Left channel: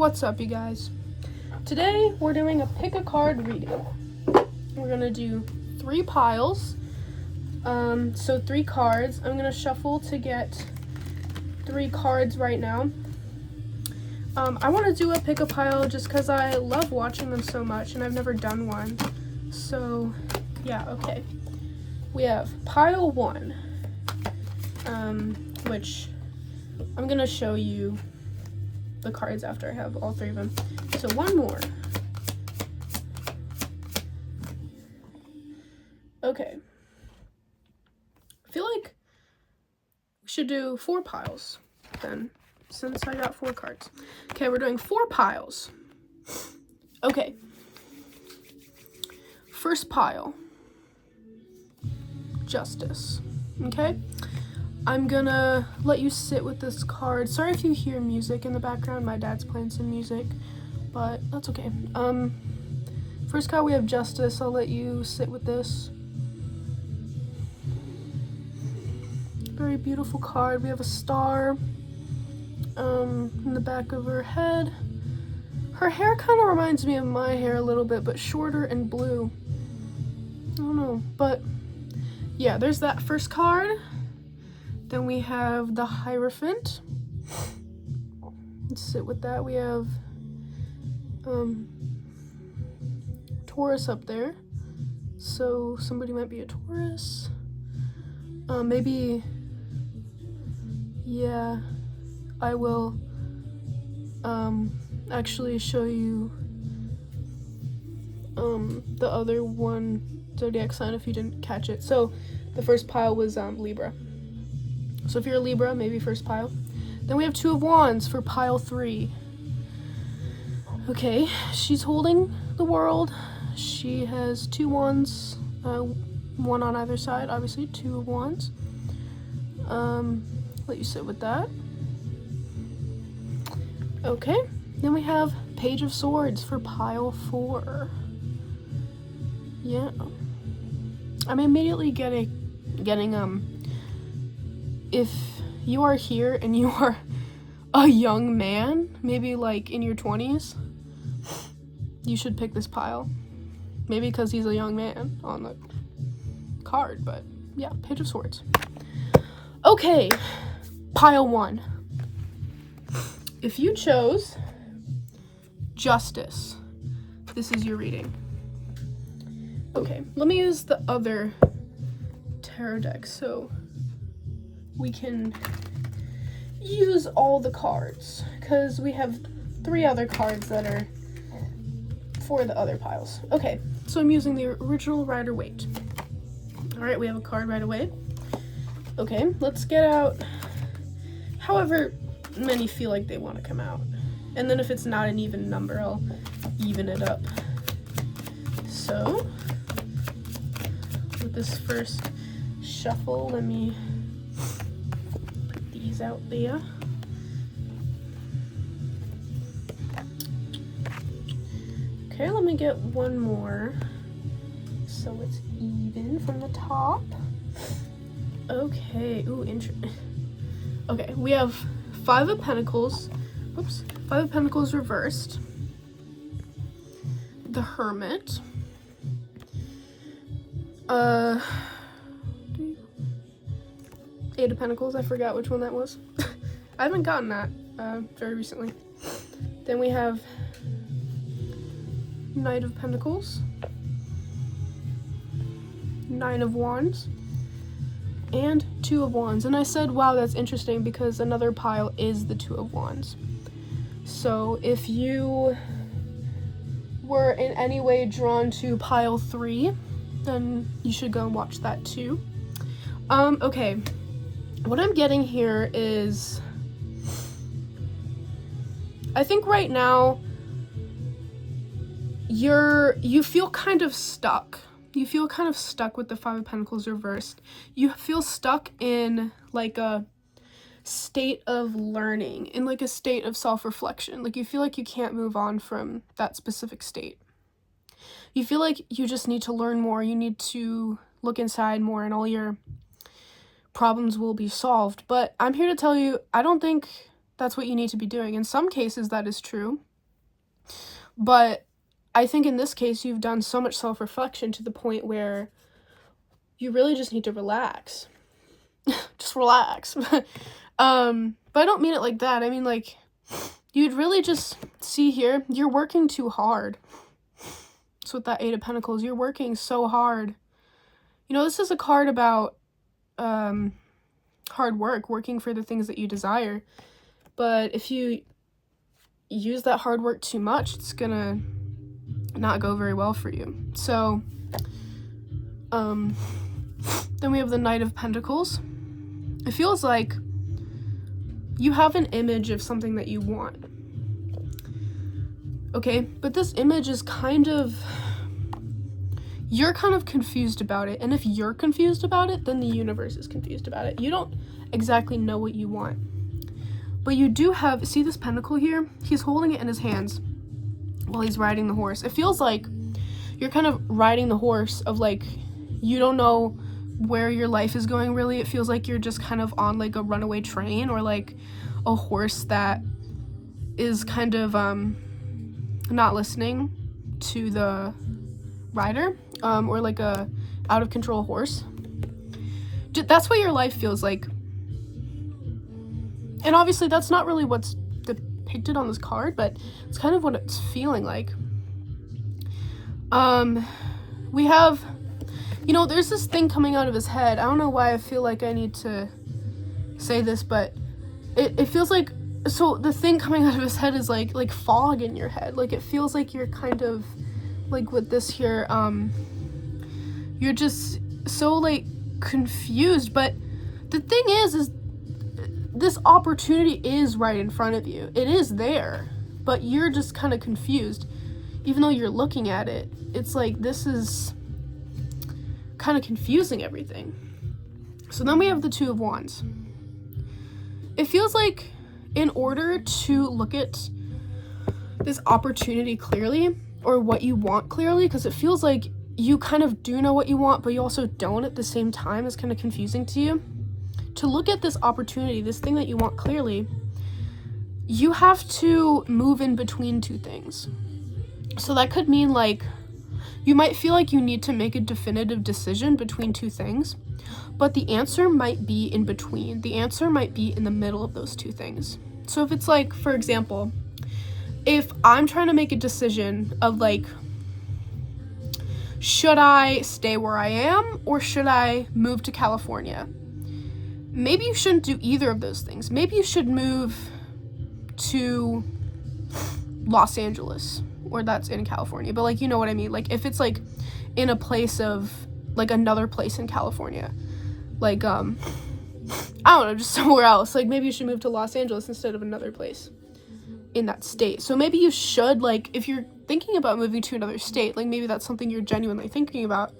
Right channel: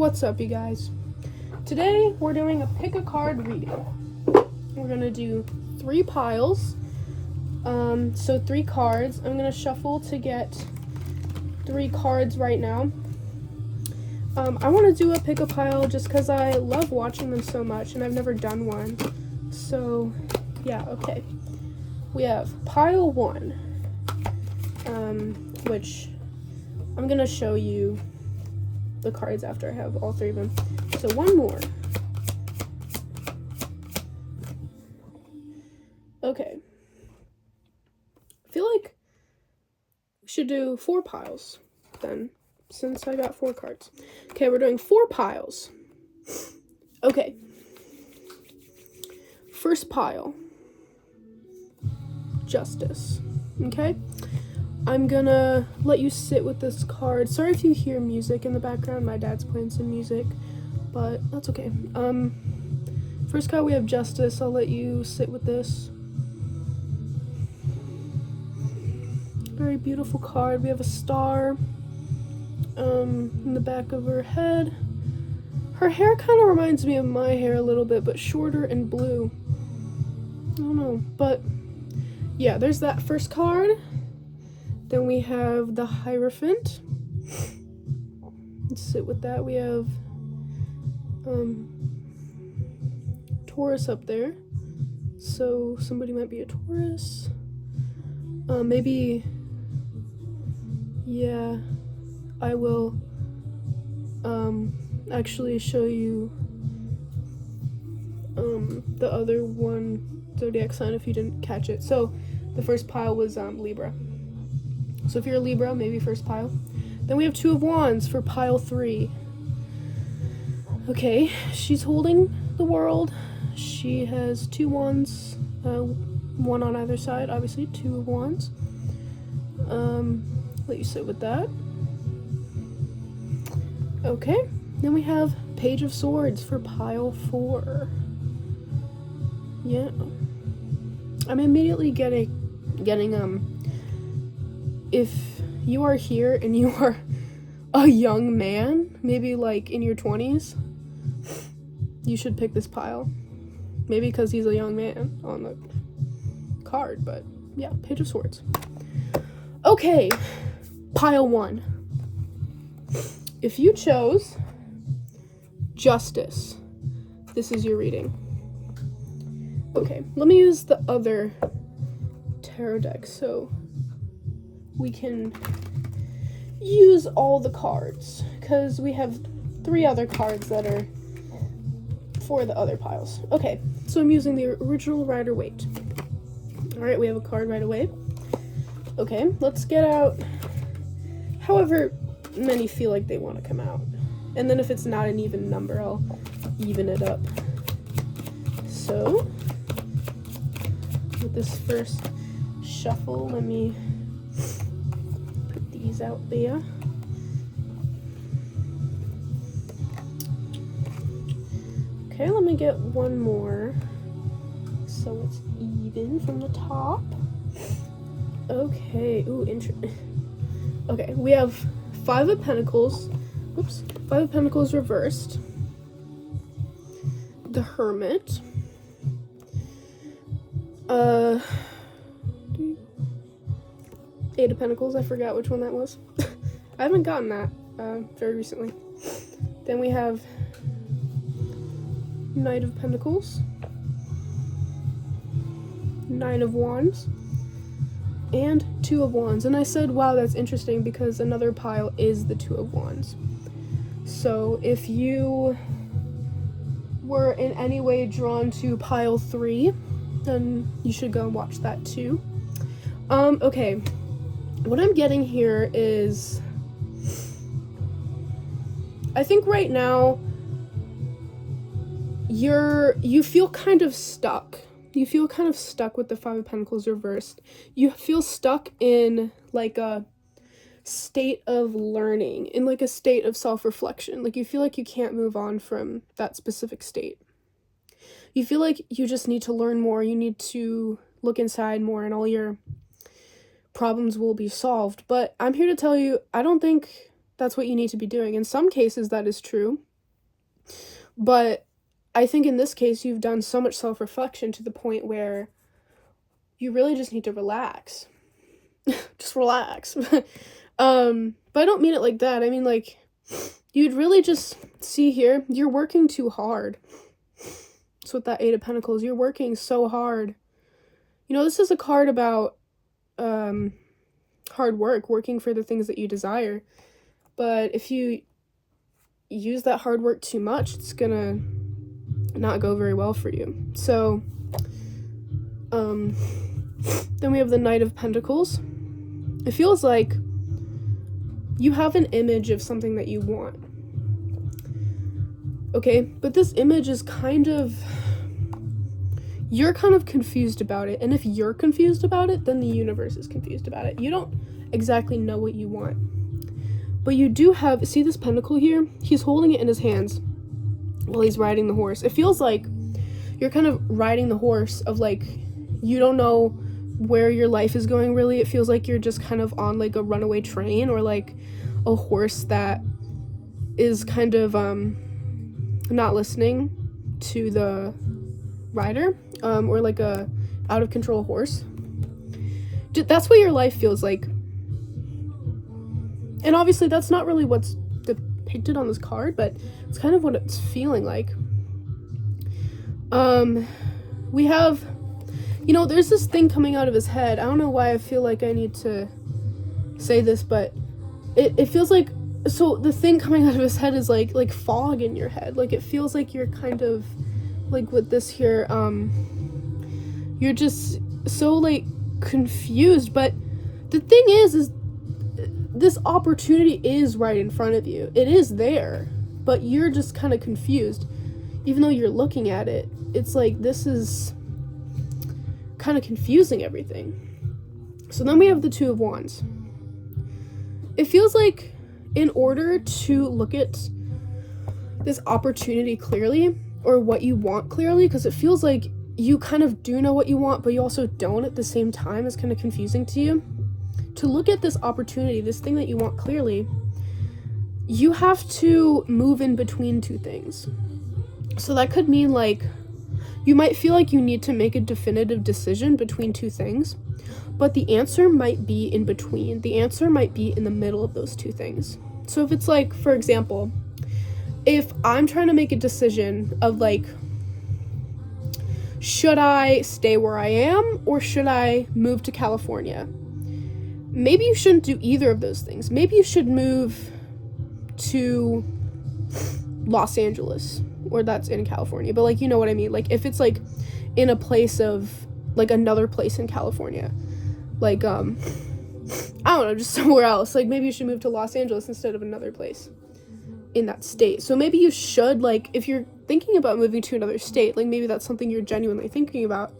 What's up, you guys? Today we're doing a pick a card reading. We're gonna do 3 piles. So 3 cards. I'm gonna shuffle to get 3 cards right now. I want to do a pick a pile just because I love watching them so much and I've never done one. So yeah, okay. We have pile 1, which I'm gonna show you the cards after I have all 3 of them. So one more. Okay. I feel like we should do 4 piles then, since I got 4 cards. Okay, we're doing 4 piles. Okay. First pile. Justice. Okay? I'm gonna let you sit with this card. Sorry if you hear music in the background. My dad's playing some music, but that's okay. First card we have Justice. I'll let you sit with this. Very beautiful card. We have a star in the back of her head. Her hair kind of reminds me of my hair a little bit, but shorter and blue. I don't know, but yeah, there's that first card. Then we have the Hierophant. Let's sit with that. We have Taurus up there. So somebody might be a Taurus. Maybe, yeah, I will actually show you the other one zodiac sign if you didn't catch it. So the first pile was Libra. So if you're a Libra, maybe first pile. Then we have 2 of Wands for pile 3. Okay, she's holding the world. She has 2 wands, 1 on either side, obviously 2 of Wands. Let you sit with that. Okay, then we have Page of Swords for pile 4. Yeah. I'm immediately getting if you are here and you are a young man, maybe like in your 20s, you should pick this pile. Maybe because he's a young man on the card, but yeah, Page of Swords. Okay, pile 1. If you chose Justice, this is your reading. Okay, let me use the other tarot deck so we can use all the cards, because we have 3 other cards that are for the other piles. Okay, so I'm using the original Rider-Waite. Alright, we have a card right away. Okay, let's get out however many feel like they want to come out. And then if it's not an even number, I'll even it up. So, with this first shuffle, let me put these out there. Okay, let me get one more so it's even from the top. Okay, ooh, interesting. Okay, we have 5 of Pentacles. Oops, 5 of Pentacles reversed. The Hermit. 8 of Pentacles, I forgot which one that was. I haven't gotten that very recently. Then we have Knight of Pentacles, 9 of Wands, and 2 of Wands. And I said, wow, that's interesting, because another pile is the 2 of Wands. So if you were in any way drawn to pile 3, then you should go and watch that too. Okay, what I'm getting here is, I think right now you feel kind of stuck. You feel kind of stuck with the 5 of Pentacles reversed. You feel stuck in like a state of learning, in like a state of self-reflection. Like you feel like you can't move on from that specific state. You feel like you just need to learn more. You need to look inside more and all your problems will be solved. But I'm here to tell you, I don't think that's what you need to be doing. In some cases, that is true. But I think in this case, you've done so much self-reflection to the point where you really just need to relax. Just relax. But I don't mean it like that. I mean, like, you'd really just see here, you're working too hard. So with that Eight of Pentacles, you're working so hard. You know, this is a card about hard work, working for the things that you desire. But if you use that hard work too much, it's gonna not go very well for you. So then we have the Knight of Pentacles. It feels like you have an image of something that you want. Okay, but this image is you're kind of confused about it. And if you're confused about it, then the universe is confused about it. You don't exactly know what you want. But you do have, see this pentacle here? He's holding it in his hands while he's riding the horse. It feels like you're kind of riding the horse of, like, you don't know where your life is going, really. It feels like you're just kind of on, like, a runaway train, or like a horse that is kind of not listening to the rider, or like a out of control horse. That's what your life feels like. And obviously that's not really what's depicted on this card, but it's kind of what it's feeling like. We have, you know, there's this thing coming out of his head. I don't know why I feel like I need to say this, but it feels like, so the thing coming out of his head is like fog in your head. Like, it feels like you're kind of, like, with this here, you're just so, like, confused. But the thing is this opportunity is right in front of you. It is there, but you're just kind of confused. Even though you're looking at it, it's like, this is kind of confusing everything. So then we have the Two of Wands. It feels like in order to look at this opportunity clearly, or what you want clearly, because it feels like you kind of do know what you want, but you also don't at the same time, is kind of confusing to you. To look at this opportunity, this thing that you want clearly, you have to move in between two things. So that could mean, like, you might feel like you need to make a definitive decision between two things, but the answer might be in between. The answer might be in the middle of those two things. So if it's like, for example, if I'm trying to make a decision of, like, should I stay where I am or should I move to California? Maybe you shouldn't do either of those things. Maybe you should move to Los Angeles, or that's in California, but, like, you know what I mean? Like, if it's, like, in a place of, like, another place in California, like, I don't know, just somewhere else. Like, maybe you should move to Los Angeles instead of another place in that state. So maybe you should, like, if you're thinking about moving to another state, like, maybe that's something you're genuinely thinking about,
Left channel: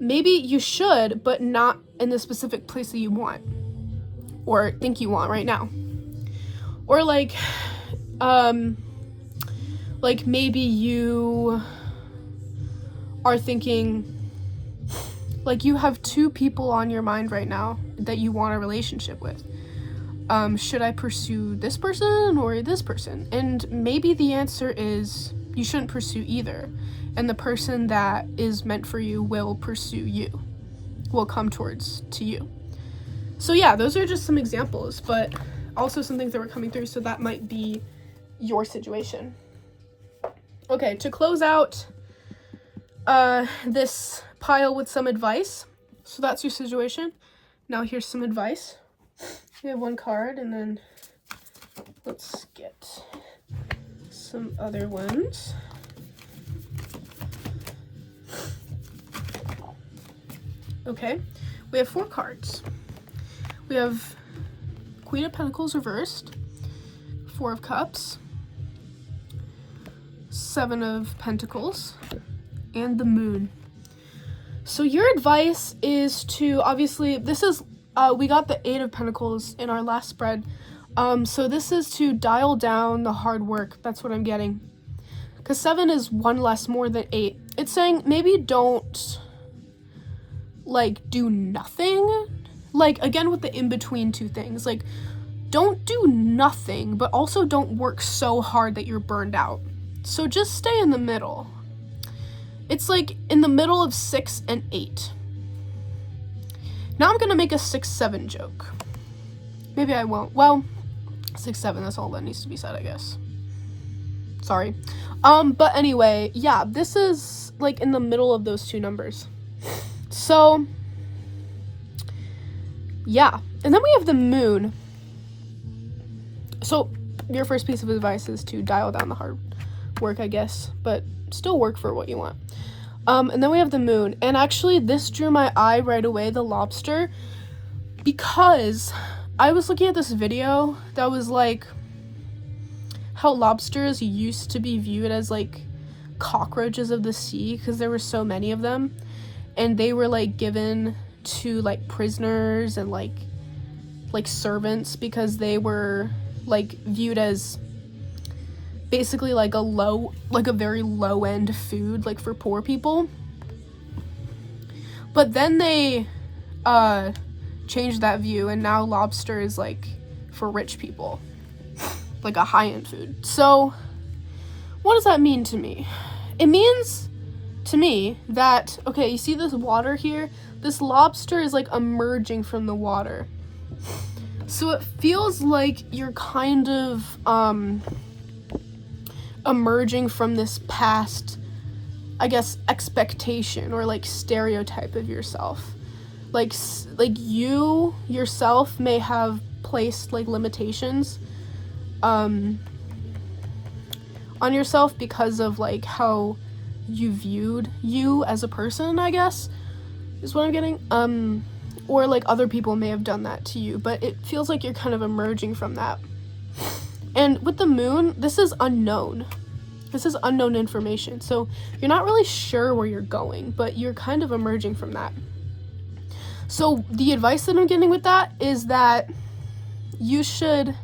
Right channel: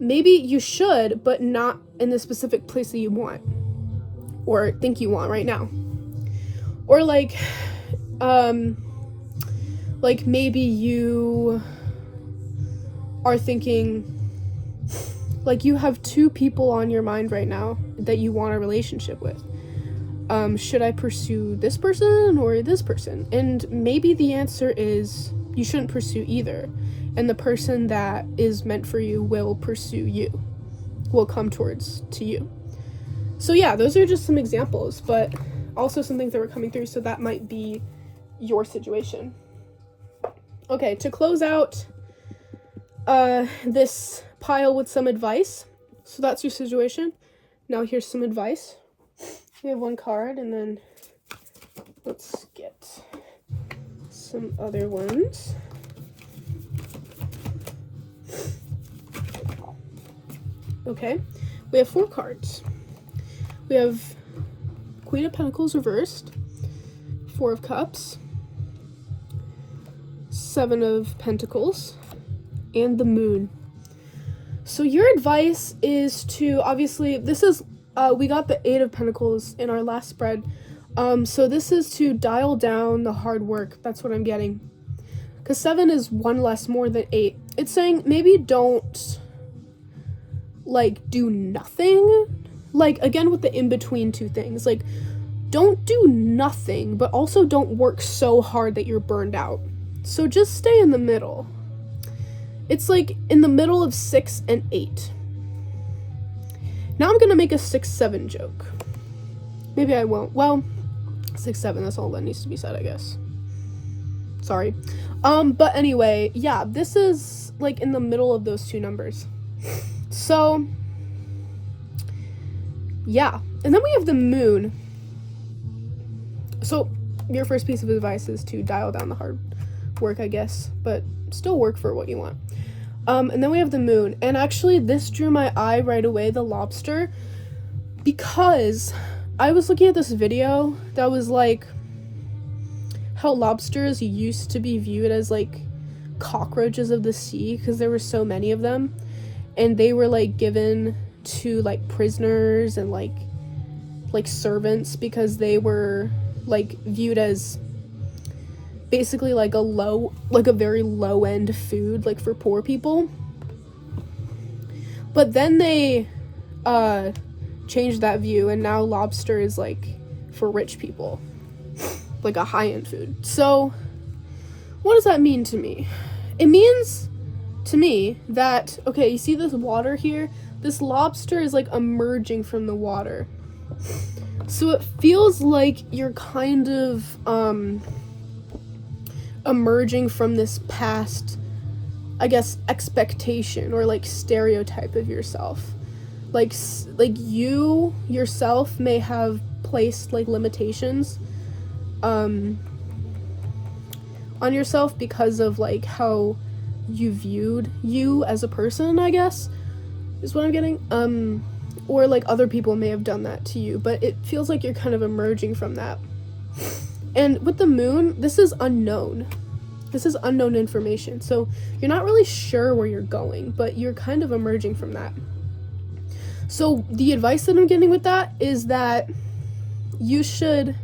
maybe you should, but not in the specific place that you want or think you want right now. Or, like maybe you are thinking, like, you have two people on your mind right now that you want a relationship with. Should I pursue this person or this person? And maybe the answer is you shouldn't pursue either. And the person that is meant for you will pursue you, will come towards to you. So yeah, those are just some examples, but also some things that were coming through, so that might be your situation. Okay, to close out this pile with some advice. So that's your situation. Now here's some advice. We have one card, and then let's get some other ones. Okay, we have 4 cards. We have Queen of Pentacles reversed, 4 of Cups, 7 of Pentacles, and the Moon. So your advice is to, obviously, this is, we got the 8 of Pentacles in our last spread, so this is to dial down the hard work. That's what I'm getting. Because 7 is 1 less more than 8. It's saying maybe don't, like, do nothing. Like, again, with the in-between two things. Like, don't do nothing, but also don't work so hard that you're burned out. So just stay in the middle. It's like in the middle of 6 and 8. Now I'm gonna make a 6-7 joke. Maybe I won't. Well, 6-7, that's all that needs to be said, I guess. Sorry. But anyway, yeah, this is like in the middle of those two numbers. So, yeah. And then we have the moon. So, your first piece of advice is to dial down the hard work, I guess, but still work for what you want. And then we have the moon. And actually, this drew my eye right away, the lobster, because I was looking at this video that was like how lobsters used to be viewed as like cockroaches of the sea because there were so many of them, and they were like given to like prisoners and like servants because they were like viewed as basically like a very low end food like for poor people. But then they changed that view, and now lobster is like for rich people, like a high-end food. So what does that mean to me? It means to me that, okay, you see this water here? This lobster is like emerging from the water. So it feels like you're kind of emerging from this past, I guess, expectation or like stereotype of yourself. Like you yourself may have placed like limitations on yourself because of like how you viewed you as a person, I guess, is what I'm getting. Or like other people may have done that to you, but it feels like you're kind of emerging from that. And with the moon, this is unknown. This is unknown information. So you're not really sure where you're going, but you're kind of emerging from that. So the advice that I'm getting with that is that you should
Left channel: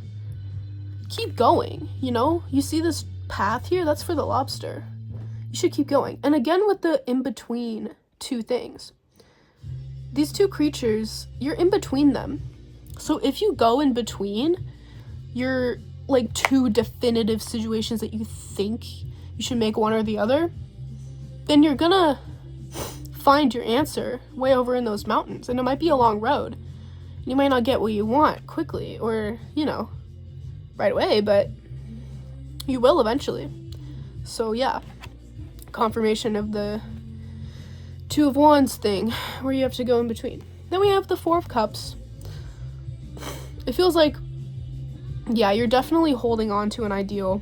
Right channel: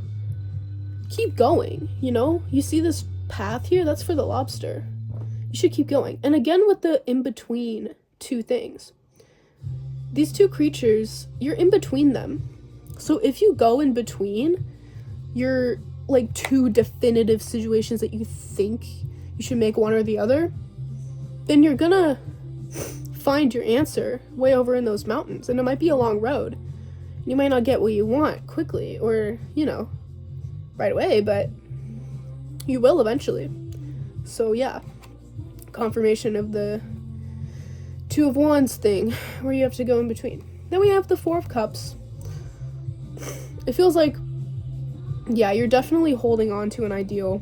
keep going, you know? You see this path here? That's for the lobster. You should keep going. And again, with the in-between two things. These two creatures, you're in between them. So if you go in between your like two definitive situations that you think you should make one or the other, then you're gonna find your answer way over in those mountains. And it might be a long road. You might not get what you want quickly or, you know, right away, but you will eventually. So yeah, confirmation of the Two of Wands thing where you have to go in between. Then we have the Four of Cups. It feels like, yeah, you're definitely holding on to an ideal.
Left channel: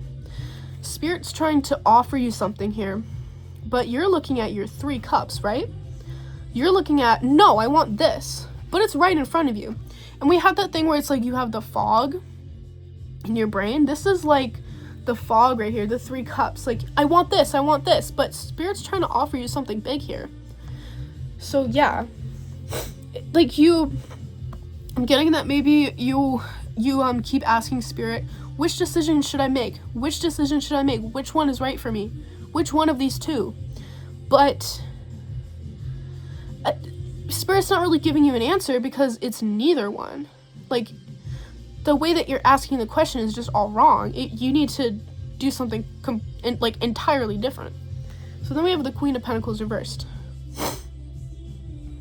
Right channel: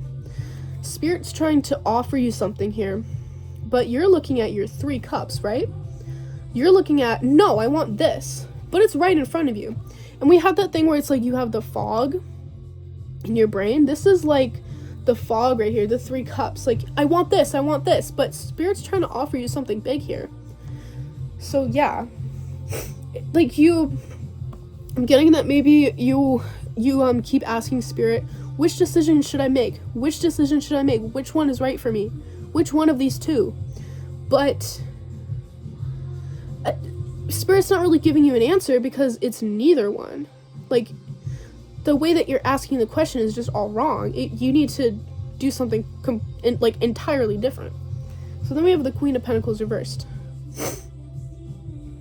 Spirit's trying to offer you something here, but you're looking at your 3 cups, right? You're looking at, no, I want this, but it's right in front of you. And we have that thing where it's like you have the fog in your brain. This is like the fog right here, the 3 cups. Like, I want this, but Spirit's trying to offer you something big here. So yeah, like I'm getting that maybe you keep asking Spirit, which decision should I make? Which decision should I make? Which one is right for me? Which one of these two? But Spirit's not really giving you an answer because it's neither one. Like, the way that you're asking the question is just all wrong. You need to do something entirely different. So then we have the Queen of Pentacles reversed.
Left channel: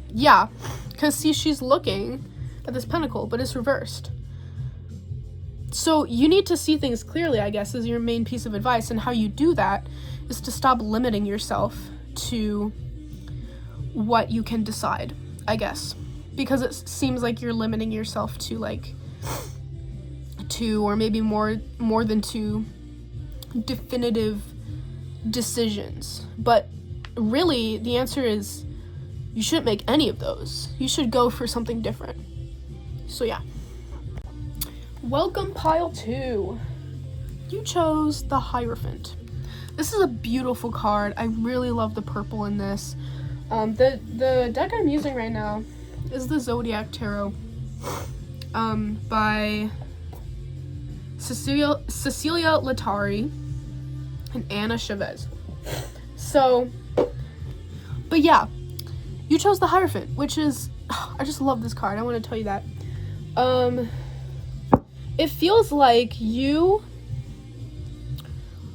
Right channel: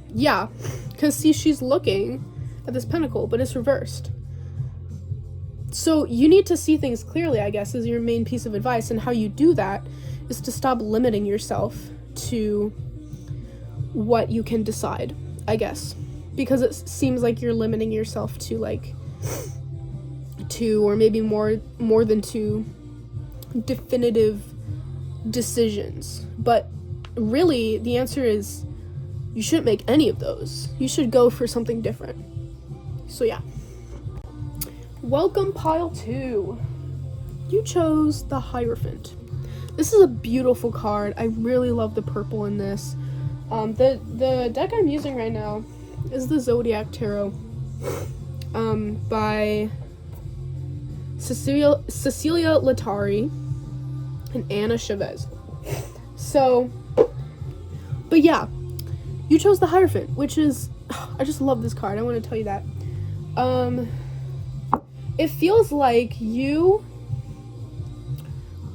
Yeah, because see, she's looking at this pentacle, but it's reversed. So you need to see things clearly, I guess, is your main piece of advice. And how you do that is to stop limiting yourself to what you can decide, I guess. Because it seems like you're limiting yourself to like 2 or maybe more than 2 definitive decisions. But really, the answer is you shouldn't make any of those. You should go for something different. So yeah. Welcome, pile 2. You chose the Hierophant. This is a beautiful card. I really love the purple in this. The deck I'm using right now is the Zodiac Tarot by Cecilia Latari and Anna Chavez. So, but yeah, you chose the Hierophant, which is, I just love this card. I want to tell you that. It feels like you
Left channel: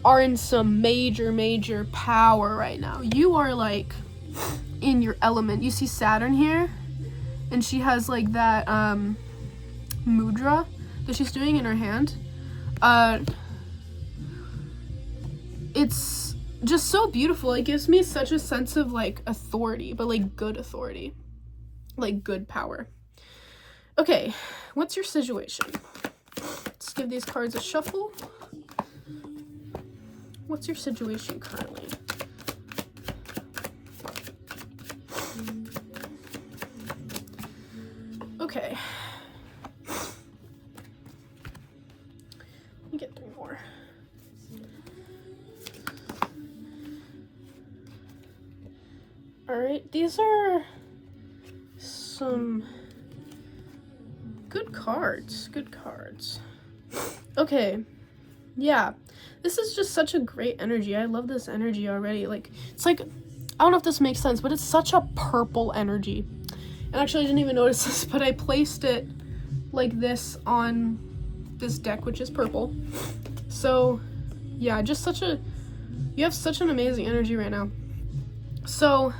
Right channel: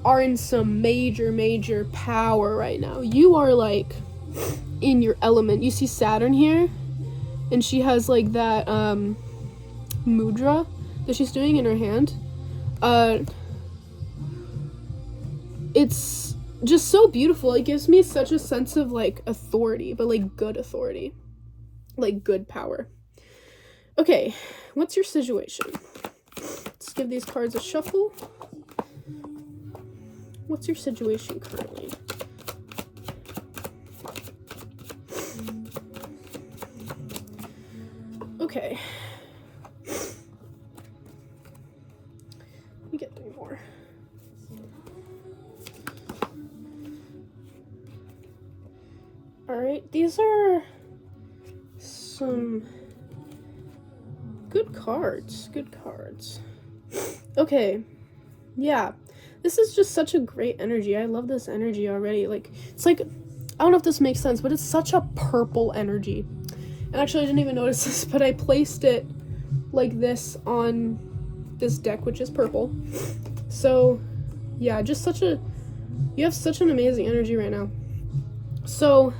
are in some major power right now. You are like in your element. You see Saturn here, and she has like that mudra that she's doing in her hand. It's just so beautiful. It gives me such a sense of like authority, but like good authority, like good power. Okay, what's your situation? Let's give these cards a shuffle. What's your situation currently? Okay. Let me get 3 more. Alright, these are some good cards. Good cards. Okay. Yeah. This is just such a great energy. I love this energy already. Like, it's like, I don't know if this makes sense, but it's such a purple energy. And actually, I didn't even notice this, but I placed it like this on this deck, which is purple. So, yeah, just you have such an amazing energy right now. So,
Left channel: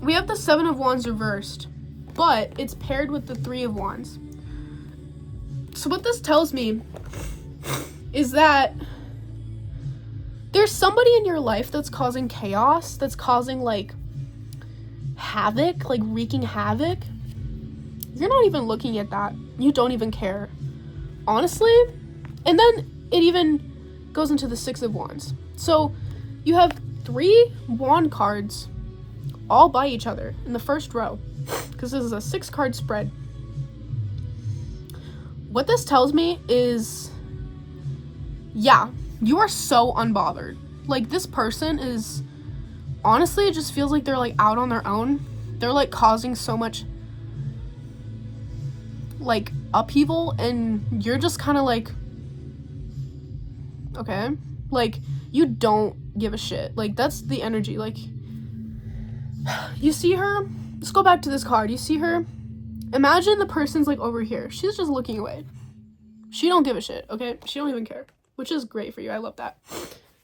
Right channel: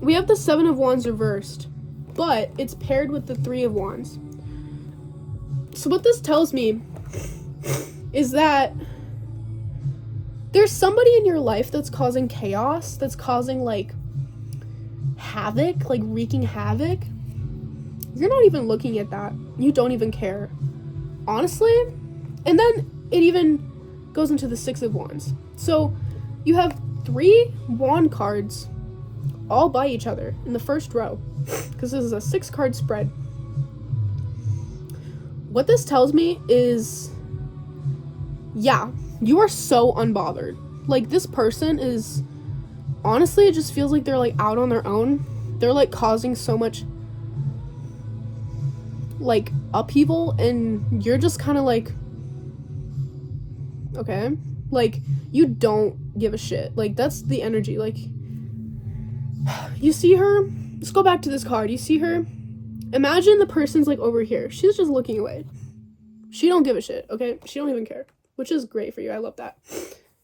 we have the 7 of Wands reversed, but it's paired with the 3 of Wands. So what this tells me is that there's somebody in your life that's causing chaos, that's causing like havoc, like wreaking havoc. You're not even looking at that. You don't even care, honestly. And then it even goes into the 6 of Wands. So you have 3 wand cards all by each other in the first row, because this is a 6-card spread. What this tells me is, yeah, you are so unbothered. Like, this person is, honestly, it just feels like they're like out on their own. They're like causing so much like upheaval, and you're just kind of like, okay, like, you don't give a shit. Like, that's the energy. Like, you see her, let's go back to this card. You see her, imagine the person's like over here. She's just looking away. She don't give a shit, okay? She don't even care, which is great for you. I love that.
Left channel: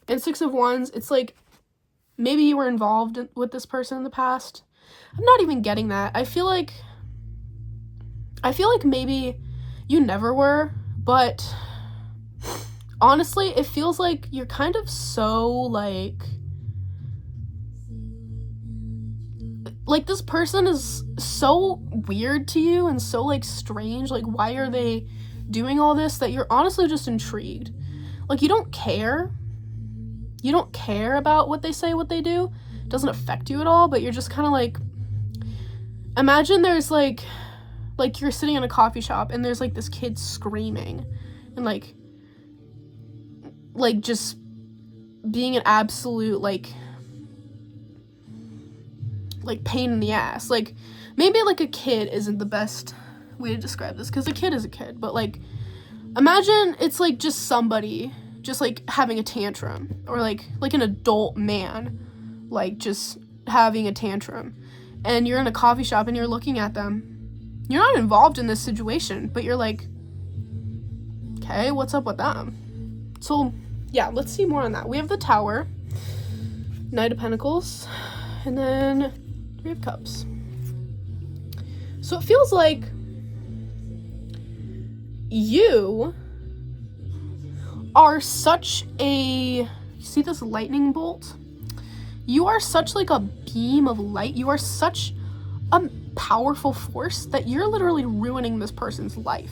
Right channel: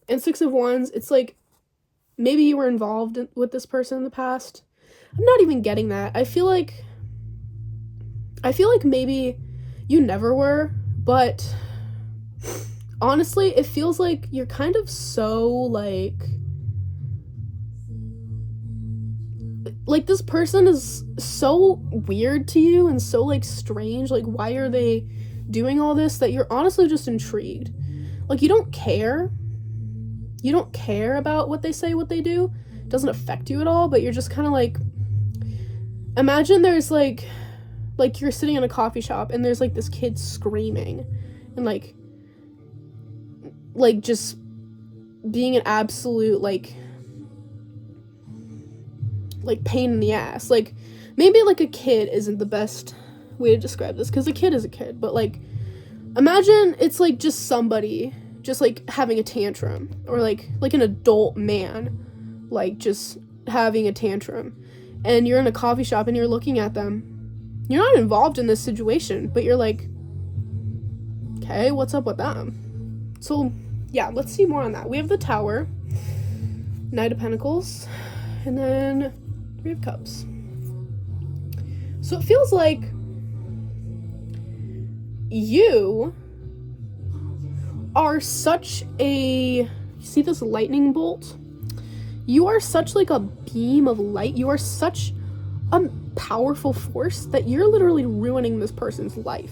And 6 of Wands, it's like maybe you were involved with this person in the past. I'm not even getting that. I feel like maybe you never were, but honestly, it feels like you're kind of so like this person is so weird to you and so like strange. Like, why are they doing all this, that you're honestly just intrigued. Like, you don't care about what they say, what they do. It doesn't affect you at all, but you're just kind of like, imagine there's like you're sitting in a coffee shop and there's like this kid screaming and like just being an absolute like pain in the ass. Like, maybe like a kid isn't the best way to describe this, because a kid is a kid, but like, imagine it's like just somebody just like having a tantrum, or like an adult man like just having a tantrum, and you're in a coffee shop and you're looking at them. You're not involved in this situation, but you're like, okay, what's up with them? So yeah, let's see more on that. We have the Tower, Knight of Pentacles, and then 3 of Cups. So it feels like you are such a, see this lightning bolt? You are such like a beam of light. You are such a powerful force that you're literally ruining this person's life.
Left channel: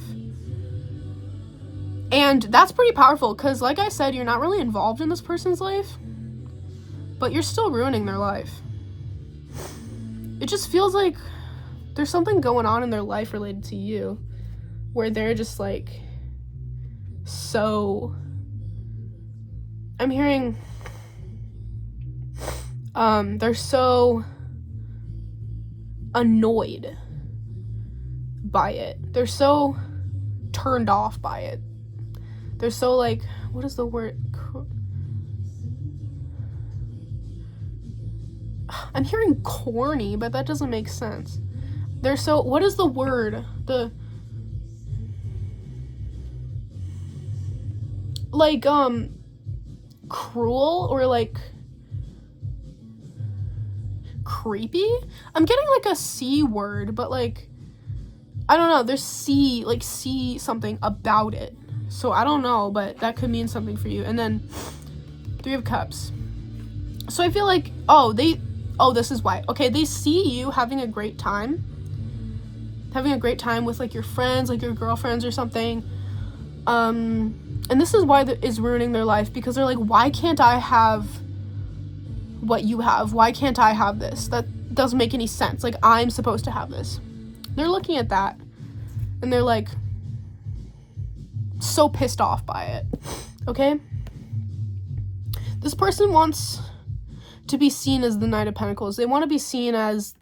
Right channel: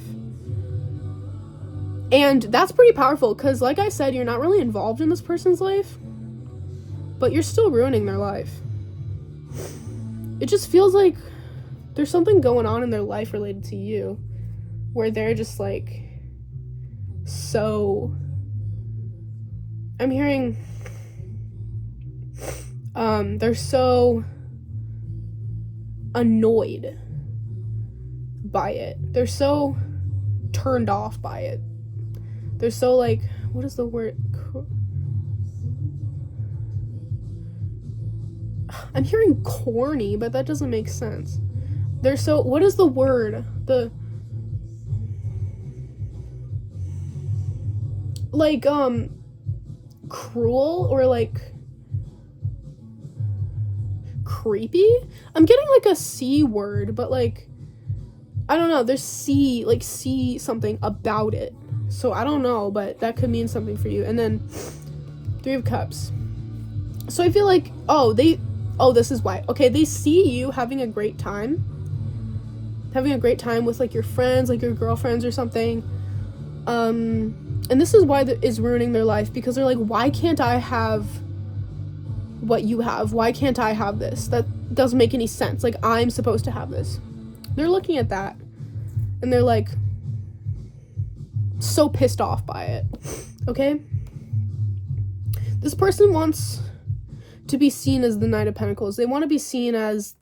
And that's pretty powerful, because like I said, you're not really involved in this person's life, but you're still ruining their life. It just feels like there's something going on in their life related to you, where they're just like, so, I'm hearing, they're so annoyed by it. They're so turned off by it. They're so like, what is the word? I'm hearing corny, but that doesn't make sense. They're so, what is the word? like, cruel or, like, creepy. I'm getting, like, a C word, but, like, I don't know. There's C, like, C something about it. So, I don't know, but that could mean something for you. And then, 3 of Cups. So, I feel like, this is why. Okay, they see you having a great time. Having a great time with, like, your friends, like, your girlfriends or something. And this is why is ruining their life, because they're like, why can't I have what you have? Why can't I have this? That doesn't make any sense. Like, I'm supposed to have this. They're looking at that, and they're, like, so pissed off by it. Okay? This person wants to be seen as the Knight of Pentacles. They want to be seen as,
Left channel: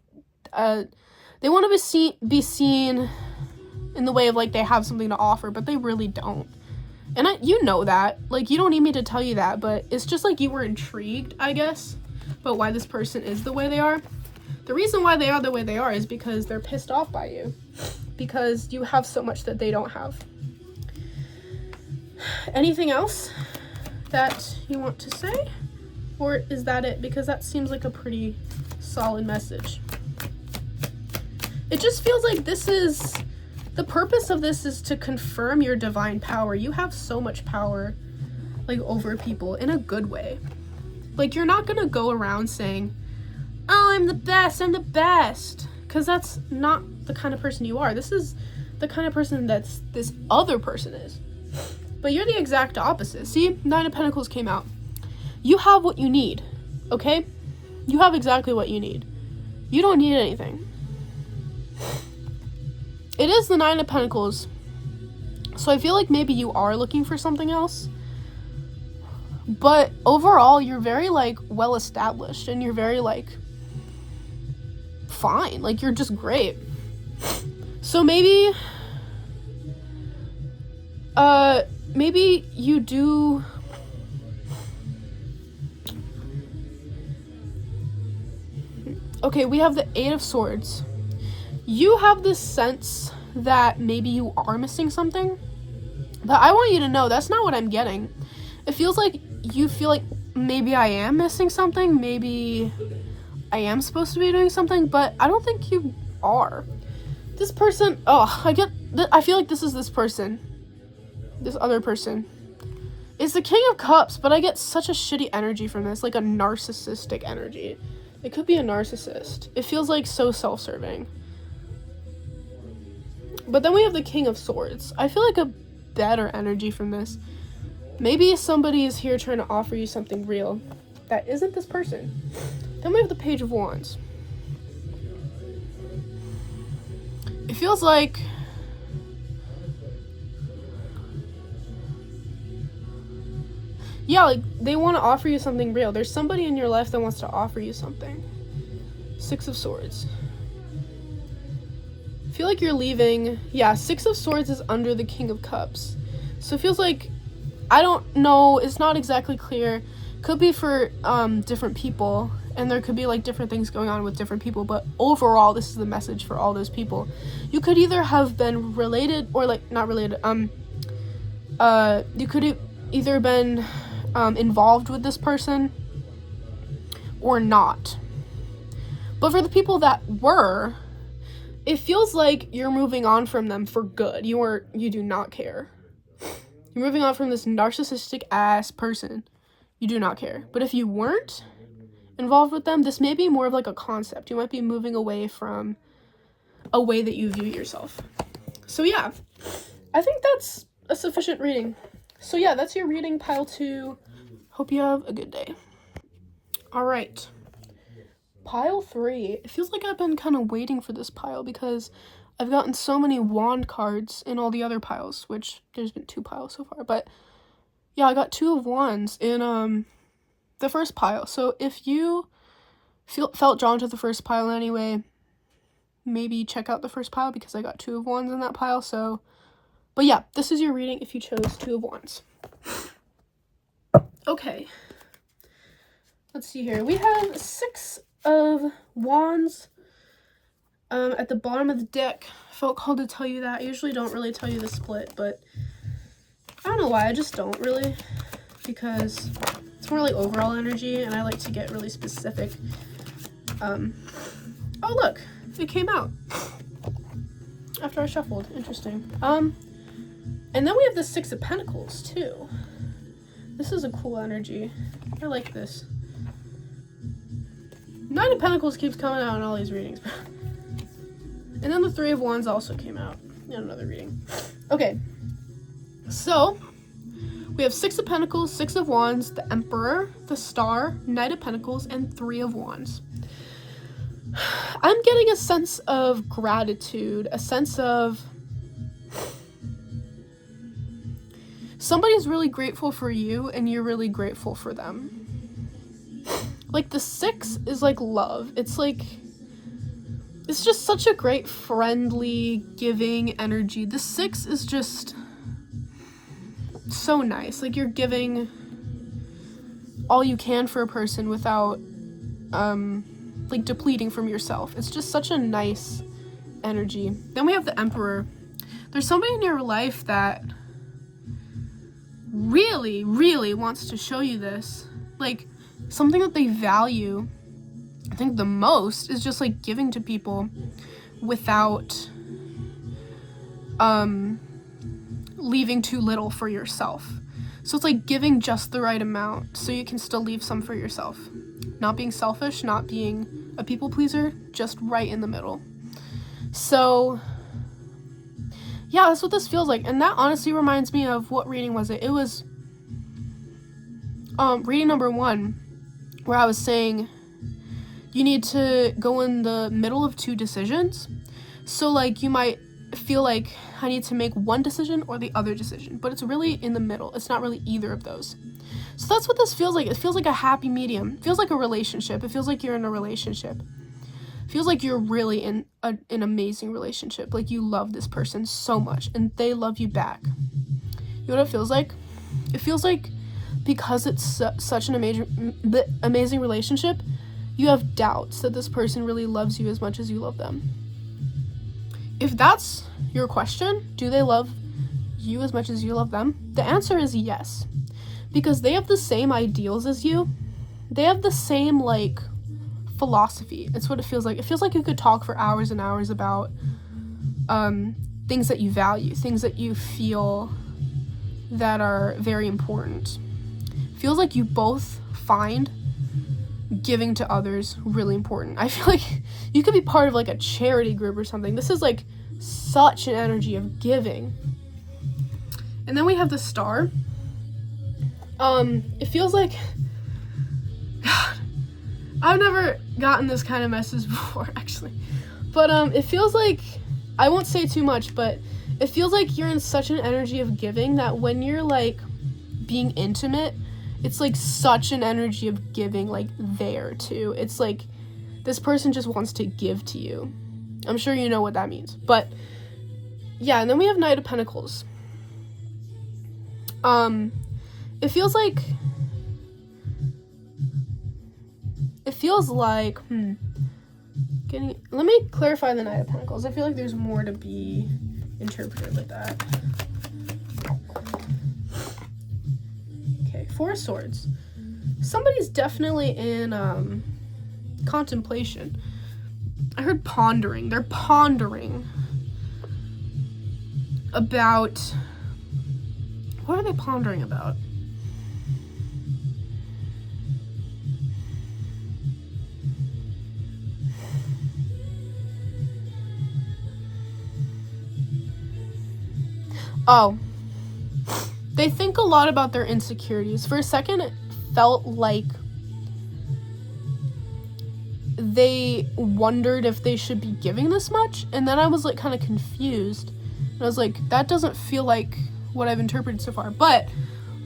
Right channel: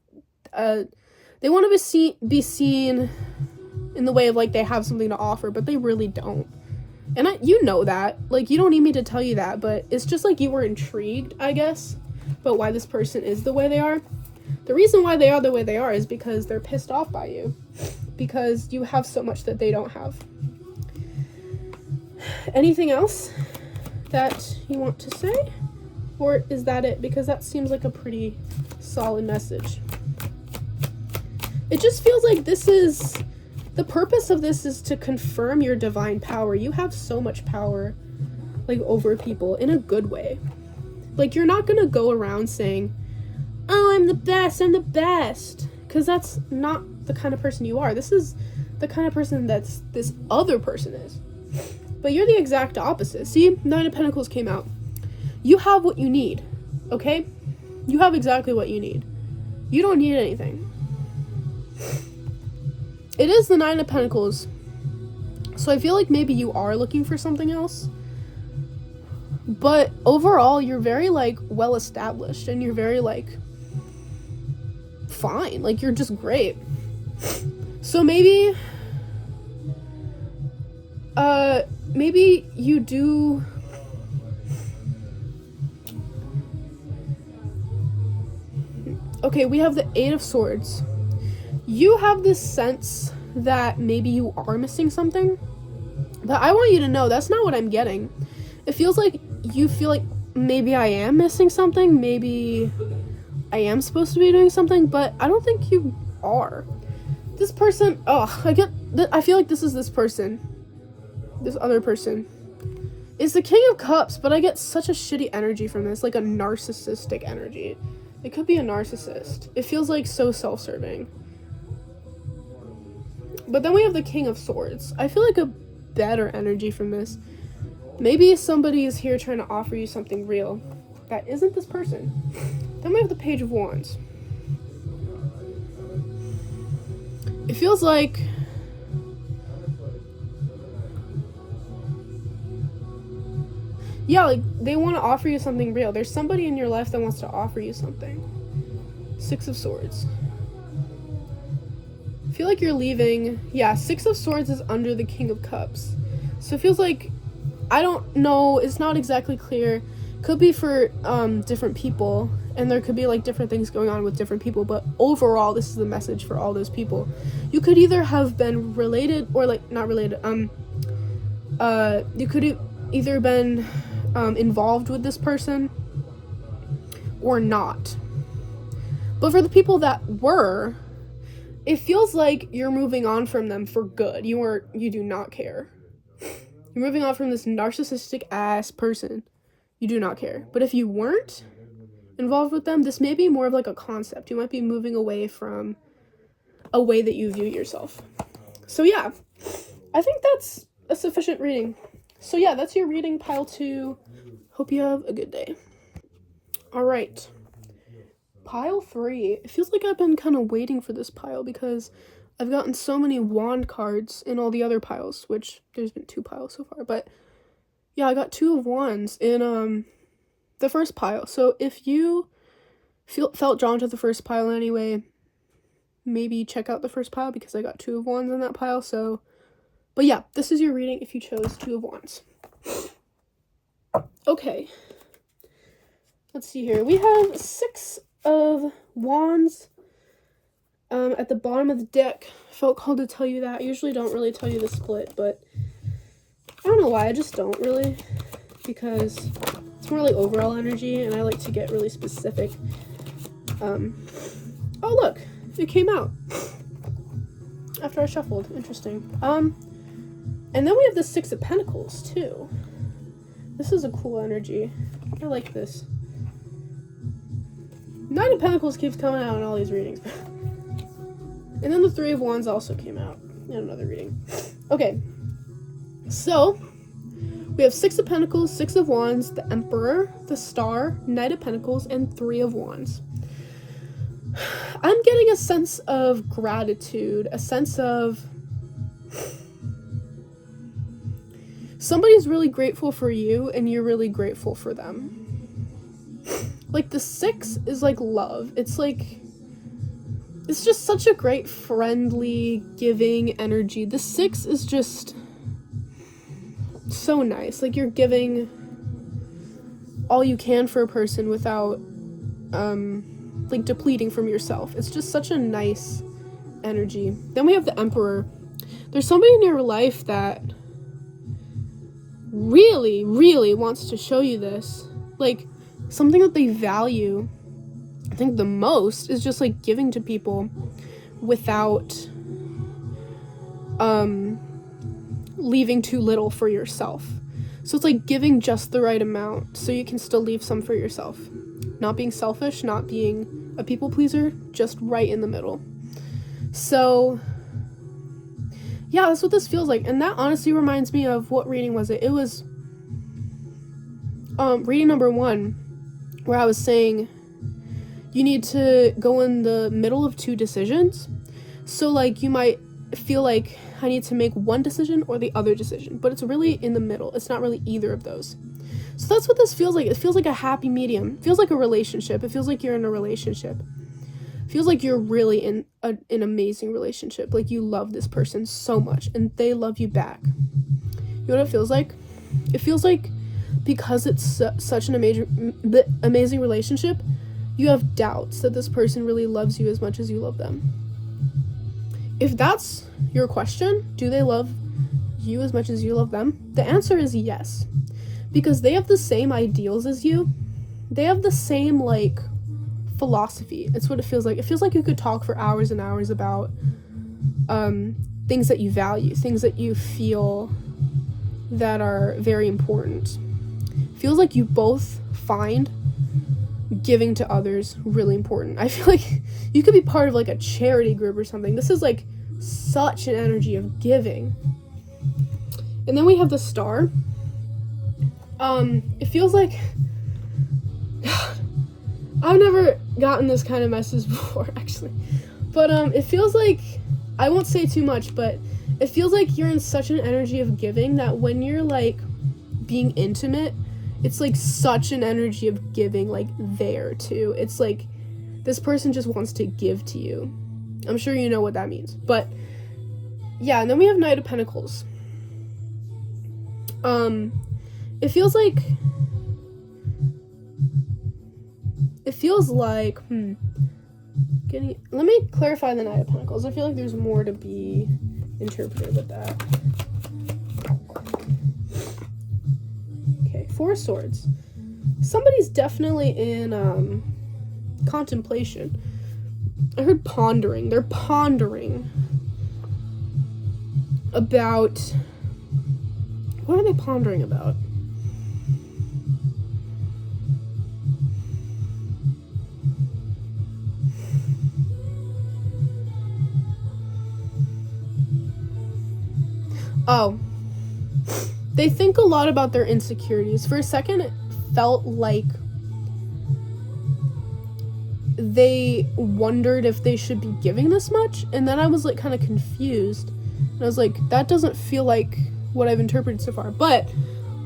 they want to be seen in the way of, like, they have something to offer, but they really don't. And you know that. Like, you don't need me to tell you that, but it's just, like, you were intrigued, I guess, about why this person is the way they are. The reason why they are the way they are is because they're pissed off by you. Because you have so much that they don't have. Anything else that you want to say? Or is that it? Because that seems like a pretty solid message. It just feels like this is... The purpose of this is to confirm your divine power. You have so much power, like, over people in a good way. Like, you're not gonna go around saying, oh, I'm the best, because that's not the kind of person you are. This is the kind of person that's this other person is. But you're the exact opposite. See, 9 of Pentacles came out. You have what you need, okay? You have exactly what you need. You don't need anything. It is the 9 of Pentacles, so I feel like maybe you are looking for something else, but overall, you're very, like, well-established, and you're very, like, fine, like, you're just great. So maybe you do... Okay, we have the 8 of Swords. You have this sense that maybe you are missing something, but I want you to know that's not what I'm getting. It feels like you feel like maybe I am missing something, maybe I am supposed to be doing something, but I don't think you are. This person, I feel like this is this person. This other person. It's the King of Cups, but I get such a shitty energy from this, like a narcissistic energy. It could be a narcissist. It feels like so self-serving. But then we have the King of Swords. I feel like a better energy from this. Maybe somebody is here trying to offer you something real that isn't this person. Then we have the Page of Wands. It feels like... Yeah, like, they want to offer you something real. There's somebody in your life that wants to offer you something. 6 of Swords. I feel like you're leaving. Yeah, 6 of Swords is under the King of Cups. So it feels like, I don't know, it's not exactly clear. Could be for different people, and there could be, like, different things going on with different people, but overall, this is the message for all those people. You could either have been related, or, like, not related, you could have either been involved with this person or not. But for the people that were, it feels like you're moving on from them for good. You do not care. You're moving on from this narcissistic ass person. You do not care. But if you weren't involved with them, this may be more of like a concept. You might be moving away from a way that you view yourself. So yeah, I think that's a sufficient reading. So yeah, that's your reading, pile 2. Hope you have a good day. All right. Pile 3. It feels like I've been kind of waiting for this pile because I've gotten so many wand cards in all the other piles, which there's been 2 piles so far, but yeah, I got 2 of wands in the first pile. So if you felt drawn to the first pile anyway, maybe check out the first pile because I got 2 of wands in that pile. So, but yeah, this is your reading if you chose 2 of wands. Okay. Let's see here. We have 6 of wands at the bottom of the deck. Felt called to tell you that. I usually don't really tell you the split, but I don't know why, I just don't really, because it's more like overall energy, and I like to get really specific. Oh look, it came out after I shuffled. Interesting. And then we have the Six of Pentacles too. This is a cool energy. I like this. Nine of Pentacles keeps coming out in all these readings. And then the Three of Wands also came out in another reading. Okay, so we have Six of Pentacles, Six of Wands, the Emperor, the Star, Knight of Pentacles, and Three of Wands. I'm getting a sense of gratitude, a sense of somebody's really grateful for you and you're really grateful for them. Like the Six is like love. It's just such a great friendly, giving energy. The Six is just so nice. Like you're giving all you can for a person without like depleting from yourself. It's just such a nice energy. Then we have the Emperor. There's somebody in your life that really, really wants to show you this. Like something that they value, I think the most, is just like giving to people without leaving too little for yourself. So it's like giving just the right amount so you can still leave some for yourself. Not being selfish, not being a people pleaser, just right in the middle. So yeah, that's what this feels like. And that honestly reminds me of, what reading was it? It was reading number 1, where I was saying you need to go in the middle of 2 decisions. So like you might feel like I need to make one decision or the other decision, but it's really in the middle. It's not really either of those. So that's what this feels like. It feels like a happy medium. It feels like a relationship. It feels like you're in a relationship. It feels like you're really in an amazing relationship. Like you love this person so much and they love you back. You know what it feels like? It feels like because it's such an amazing relationship, you have doubts that this person really loves you as much as you love them. If that's your question, do they love you as much as you love them? The answer is yes. Because they have the same ideals as you. They have the same, like, philosophy. It's what it feels like. It feels like you could talk for hours and hours about things that you value, things that you feel that are very important. It feels like you both find giving to others really important. I feel like you could be part of, like, a charity group or something. This is, like, such an energy of giving. And then we have the Star. It feels like, God, I've never gotten this kind of message before, actually, but, it feels like, I won't say too much, but it feels like you're in such an energy of giving that when you're, like, being intimate, it's, like, such an energy of giving, like, there, too. It's, like, this person just wants to give to you. I'm sure you know what that means, but, yeah, and then we have Knight of Pentacles. It feels like, let me clarify the Knight of Pentacles. I feel like there's more to be interpreted with that. Okay, Four of Swords. Somebody's definitely in, contemplation. I heard pondering. They're pondering about, what are they pondering about? Oh, they think a lot about their insecurities. For a second, it felt like they wondered if they should be giving this much, and then I was, like, kind of confused, and I was like, that doesn't feel like what I've interpreted so far. But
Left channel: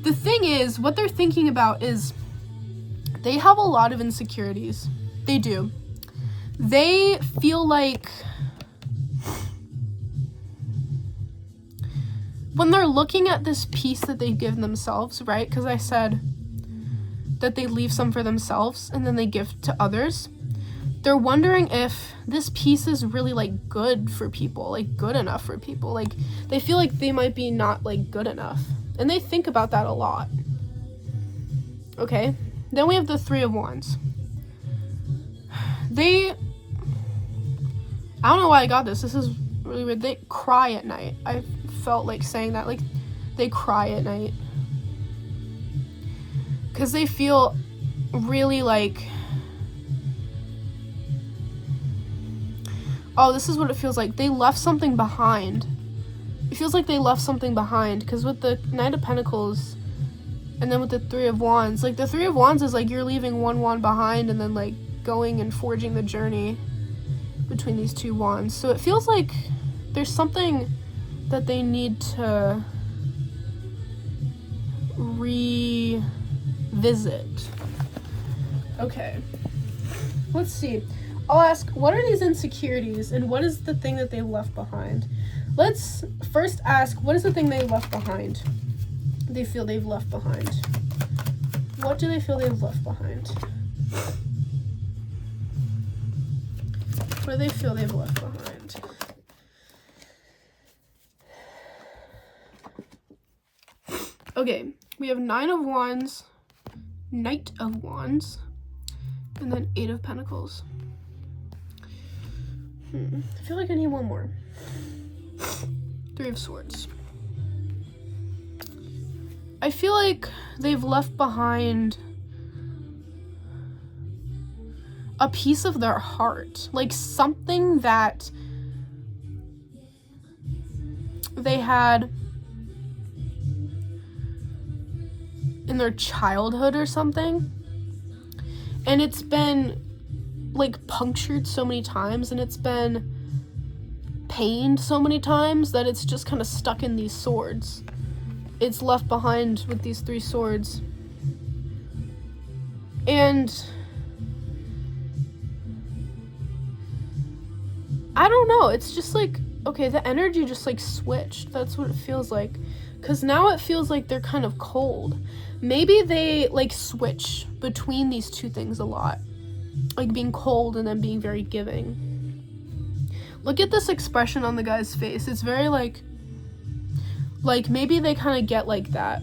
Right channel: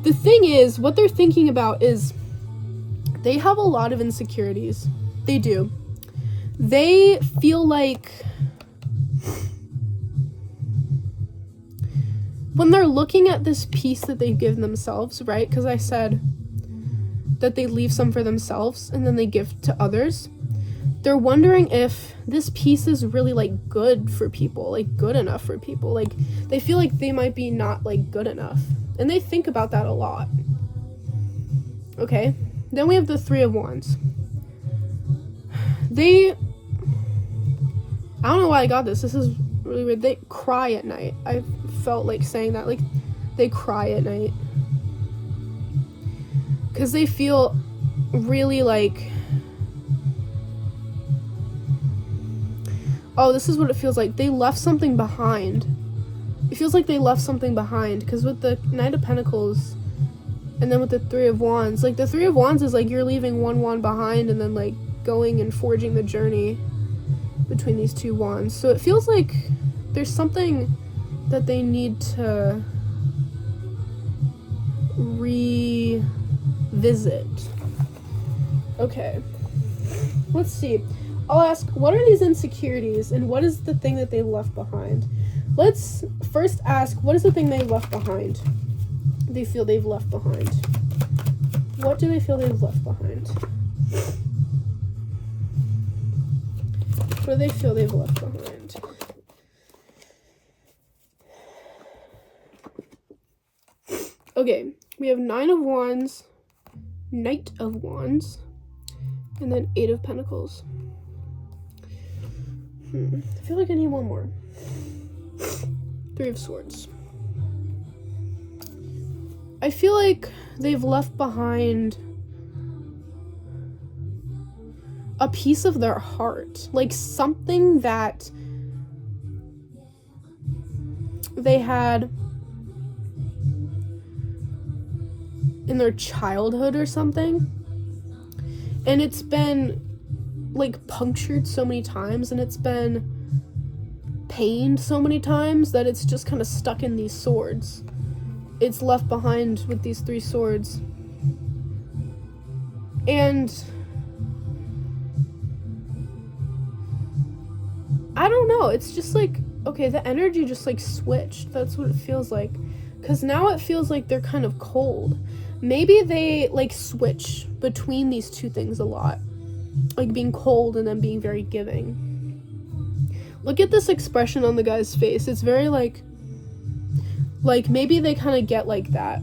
the thing is, what they're thinking about is they have a lot of insecurities. They do. They feel like when they're looking at this piece that they give themselves, right? Because I said that they leave some for themselves and then they give to others. They're wondering if this piece is really, like, good for people, like, good enough for people. Like, they feel like they might be not, like, good enough. And they think about that a lot. Okay, then we have the Three of Wands. I don't know why I got this. This is really weird. They cry at night. I felt like saying that. Like, they cry at night. Because they feel really like... Oh, this is what it feels like. They left something behind. It feels like they left something behind. Because with the Knight of Pentacles... And then with the Three of Wands, like, the Three of Wands is like you're leaving one wand behind and then, like, going and forging the journey between these two wands. So it feels like there's something that they need to revisit. Okay. Let's see. I'll ask, what are these insecurities and what is the thing that they left behind? Let's first ask, what is the thing they left behind? They feel they've left behind. What do they feel they've left behind? What do they feel they've left behind? Okay, we have Nine of Wands, Knight of Wands, and then Eight of Pentacles. I feel like I need one more. Three of Swords. I feel like they've left behind a piece of their heart, like something that they had in their childhood or something, and it's been like punctured so many times and it's been pained so many times that it's just kind of stuck in these swords. It's left behind with these three swords. And I don't know, it's just like, okay, the energy just like switched. That's what it feels like. Because now it feels like they're kind of cold. Maybe they like switch between these two things a lot. Like being cold and then being very giving. Look at this expression on the guy's face. It's very like maybe they kind of get like that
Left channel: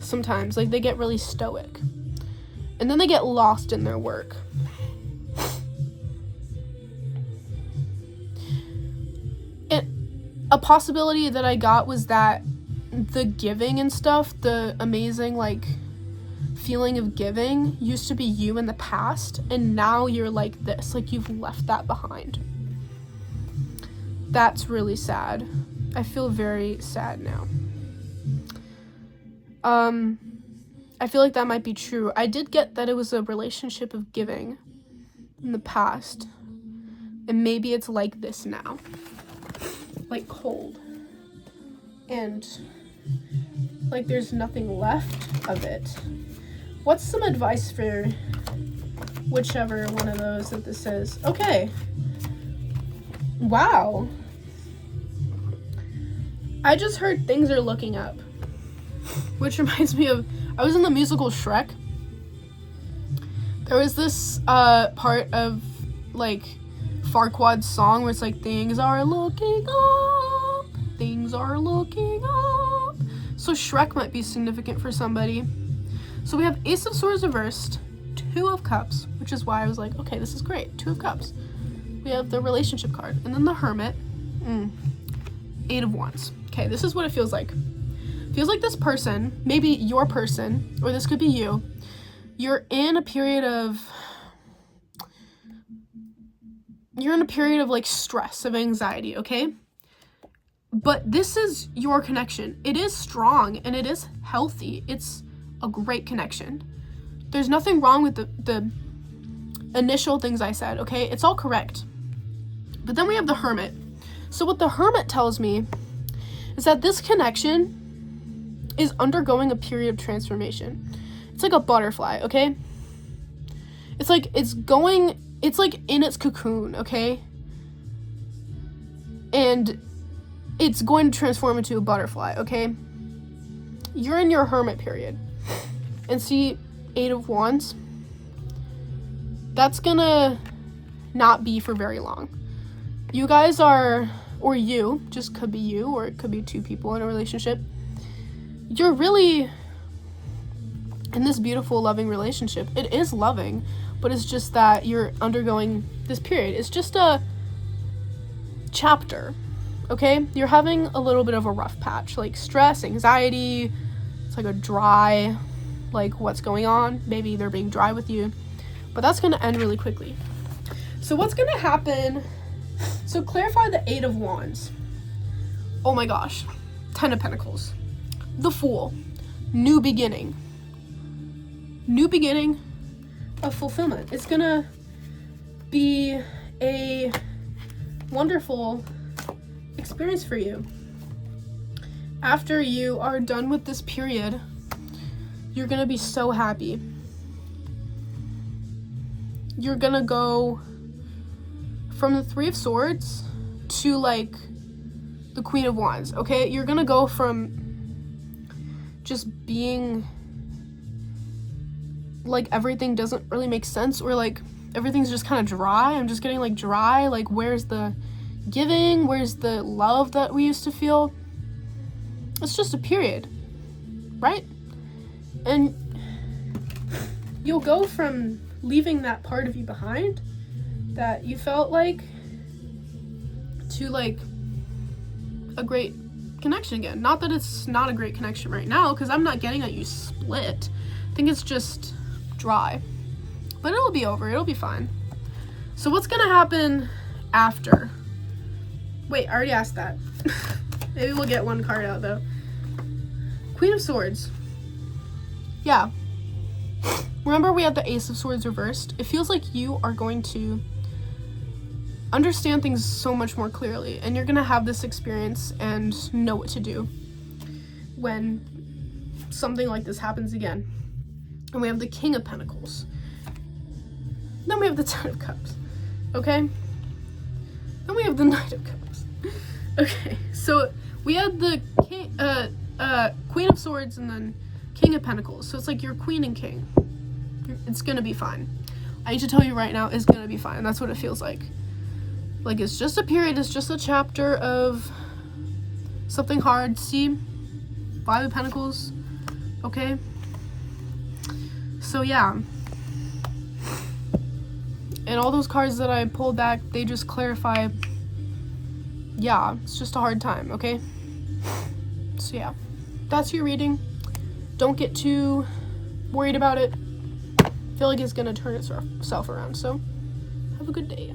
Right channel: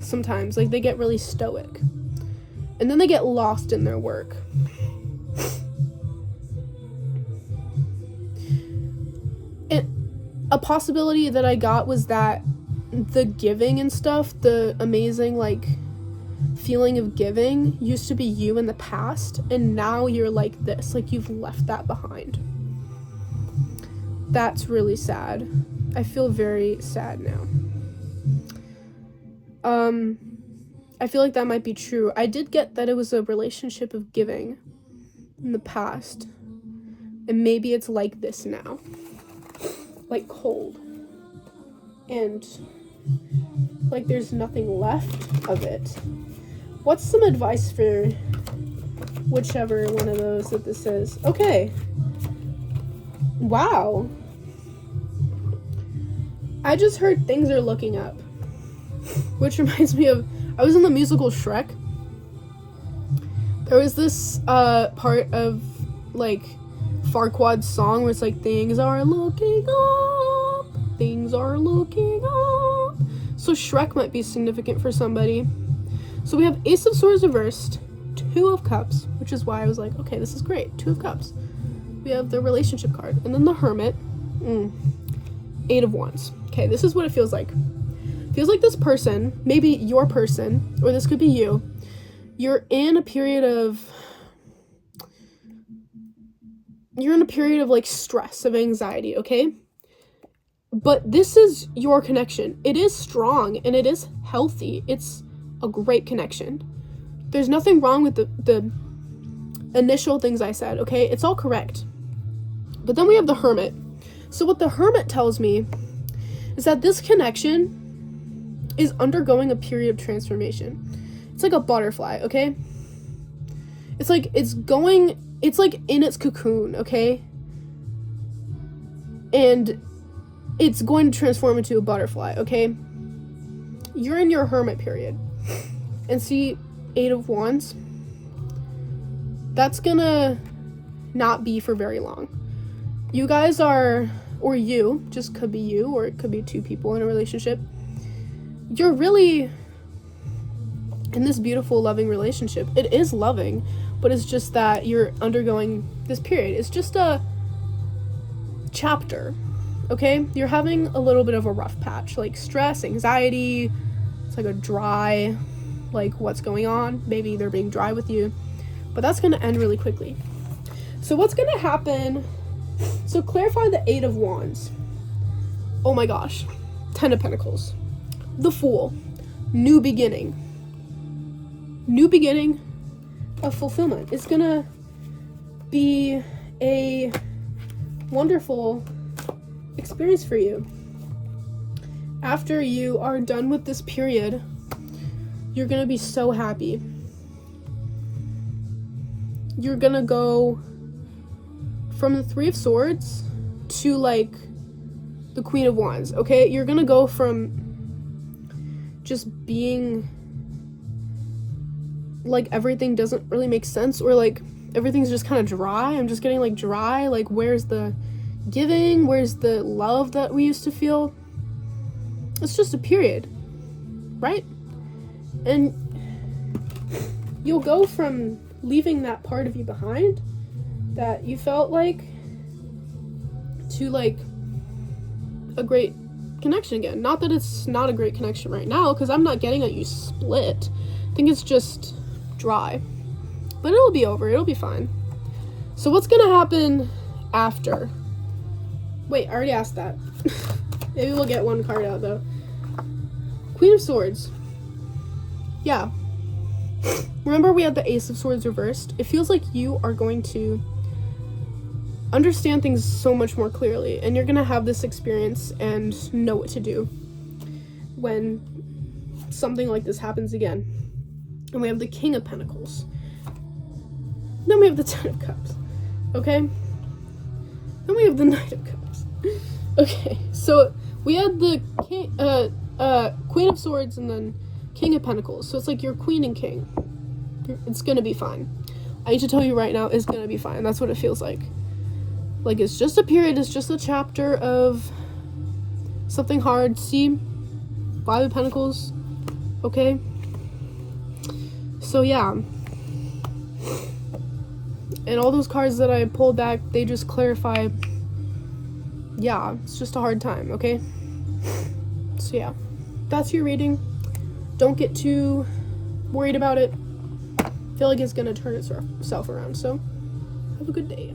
sometimes. Like they get really stoic. And then they get lost in their work. A possibility that I got was that the giving and stuff, the amazing like feeling of giving used to be you in the past, and now you're like this, like you've left that behind. That's really sad. I feel very sad now. I feel like that might be true. I did get that it was a relationship of giving in the past, and maybe it's like this now. Like cold and like there's nothing left of it. What's some advice for whichever one of those that this is? Okay, wow, I just heard things are looking up, which reminds me of, I was in the musical Shrek. There was this part of like Farquaad's song where it's like, things are looking up, things are looking up. So Shrek might be significant for somebody. So we have Ace of Swords reversed, Two of Cups, which is why I was like, okay, this is great, Two of Cups. We have the relationship card, and then the Hermit, Eight of Wands. Okay, this is what it feels like. It feels like this person, maybe your person, or this could be you, you're in a period of like stress, of anxiety, okay? But this is your connection. It is strong and it is healthy. It's a great connection. There's nothing wrong with the initial things I said, okay? It's all correct. But then we have the Hermit. So what the Hermit tells me is that this connection is undergoing a period of transformation. It's like a butterfly, okay? It's like in its cocoon, okay? And it's going to transform into a butterfly, okay? You're in your Hermit period. And see, Eight of Wands, that's gonna not be for very long. You guys are, or you, just could be you, or it could be two people in a relationship. you're really in this beautiful, loving relationship. It is loving, but it's just that you're undergoing this period. It's just a chapter, okay? You're having a little bit of a rough patch, like stress, anxiety. It's like a dry, like, what's going on? Maybe they're being dry with you, but that's gonna end really quickly. So what's gonna happen? So clarify the 8 of Wands. Oh my gosh. 10 of Pentacles. The Fool. New beginning. New beginning of fulfillment. It's gonna be a wonderful experience for you. After you are done with this period, you're gonna be so happy. You're gonna go from the 3 of Swords to like the Queen of Wands, okay? You're gonna go from just being like everything doesn't really make sense, or like everything's just kind of dry. I'm just getting like dry, like where's the giving, where's the love that we used to feel? It's just a period, right? And you'll go from leaving that part of you behind that you felt like to like a great connection again. Not that it's not a great connection right now, because I'm not getting that you split. I think it's just dry, but it'll be over. It'll be fine. So what's gonna happen after? Wait, I already asked that. Maybe we'll get one card out though. Queen of Swords. Yeah. Remember we had the Ace of Swords reversed? It feels like you are going to understand things so much more clearly, and you're gonna have this experience and know what to do when something like this happens again. And we have the King of Pentacles. Then we have the 10 of Cups. Okay? Then we have the Knight of Cups. Okay, so we had the Queen of Swords and then King of Pentacles. So it's like you're Queen and King. It's gonna be fine. I need to tell you right now, it's gonna be fine. That's what it feels like. Like, it's just a period, it's just a chapter of something hard. See? 5 of Pentacles. Okay? So yeah. And all those cards that I pulled back, they just clarify, yeah, it's just a hard time, okay? So yeah. That's your reading. Don't get too worried about it. I feel like it's gonna turn itself around, so have a good day.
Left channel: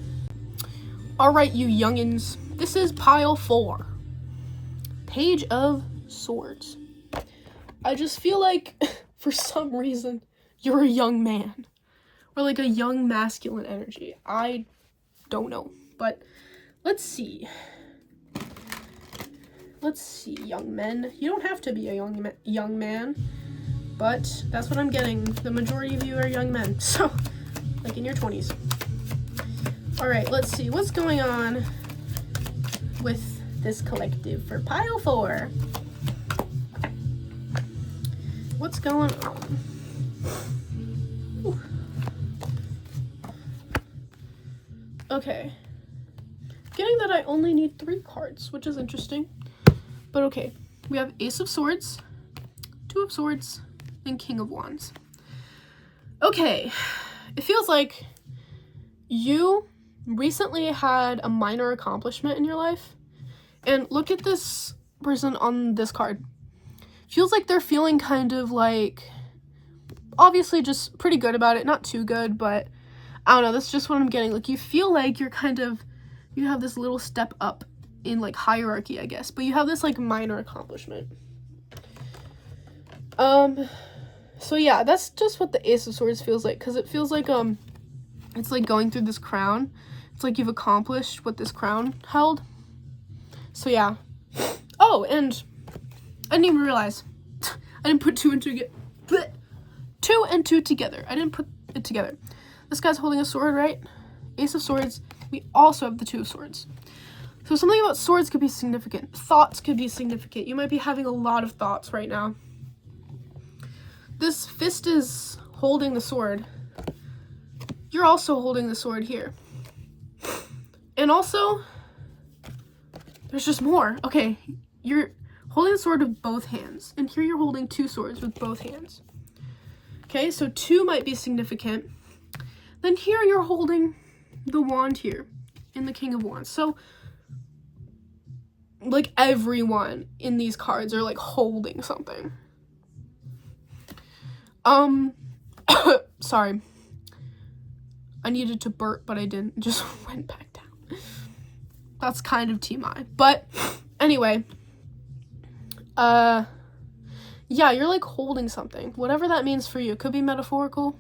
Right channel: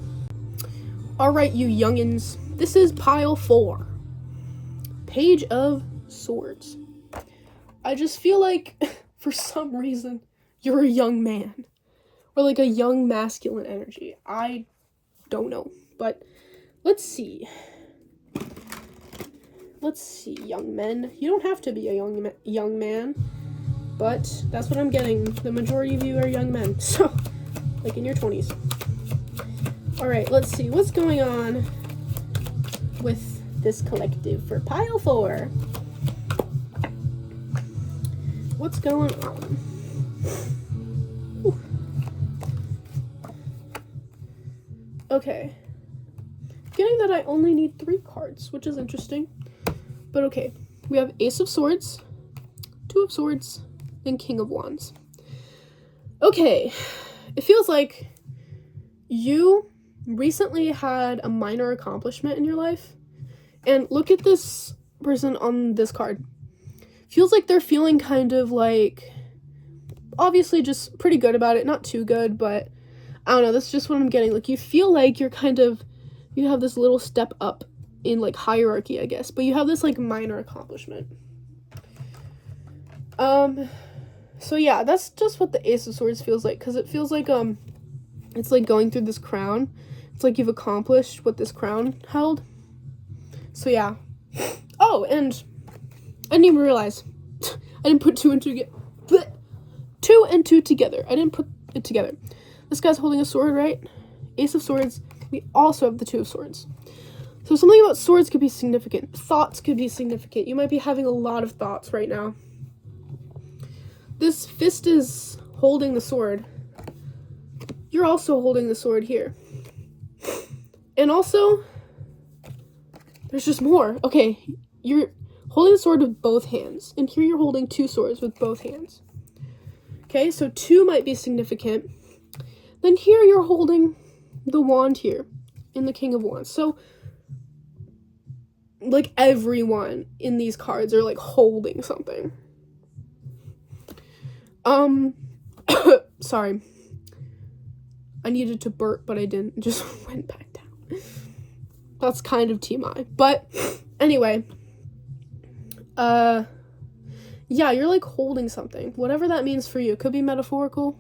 Alright, you youngins. This is pile 4. Page of Swords. I just feel like, for some reason, you're a young man. Or like a young masculine energy. I don't know. But let's see. Let's see, young men. You don't have to be a young man. But that's what I'm getting. The majority of you are young men. So, like in your 20s. Alright, let's see. What's going on with this collective for pile 4? What's going on? Whew. Okay. Getting that I only need 3 cards, which is interesting. But okay. We have Ace of Swords, 2 of Swords, and King of Wands. Okay. It feels like you recently had a minor accomplishment in your life. And look at this person on this card. Feels like they're feeling kind of like, obviously just pretty good about it. Not too good, but I don't know. That's just what I'm getting. Like, you feel like you're kind of, you have this little step up in like hierarchy, I guess. But you have this like minor accomplishment. So yeah, that's just what the Ace of Swords feels like. Because it feels like, it's like going through this crown. It's like you've accomplished what this crown held. So yeah. Oh, and I didn't even realize. I didn't put 2 and 2 together. I didn't put it together. This guy's holding a sword, right? Ace of Swords. We also have the 2 of Swords. So something about swords could be significant. Thoughts could be significant. You might be having a lot of thoughts right now. This fist is holding the sword. You're also holding the sword here. And also, there's just more. Okay, you're Holding a sword with both hands. And here you're holding 2 swords with both hands. Okay, so 2 might be significant. Then here you're holding the wand here in the King of Wands. So, like, everyone in these cards are, like, holding something. Sorry. I needed to burp, but I didn't. It just went back down. That's kind of TMI. But, anyway. Yeah, you're, like, holding something. Whatever that means for you. It could be metaphorical.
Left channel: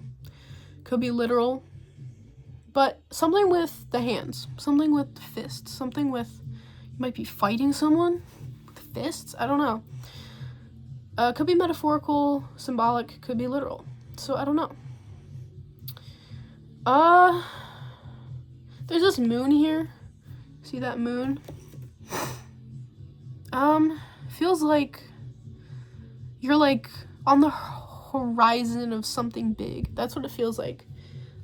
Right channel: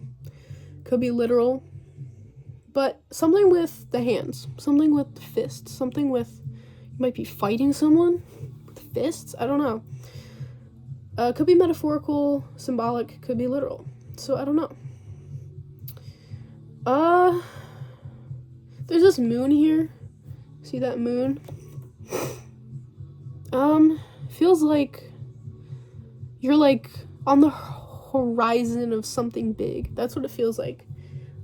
Could be literal. But something with the hands. Something with the fists. Something with... You might be fighting someone with fists? I don't know. Could be metaphorical, symbolic, could be literal. So, I don't know. There's this moon here. See that moon? Feels like you're, like, on the horizon of something big. That's what it feels like.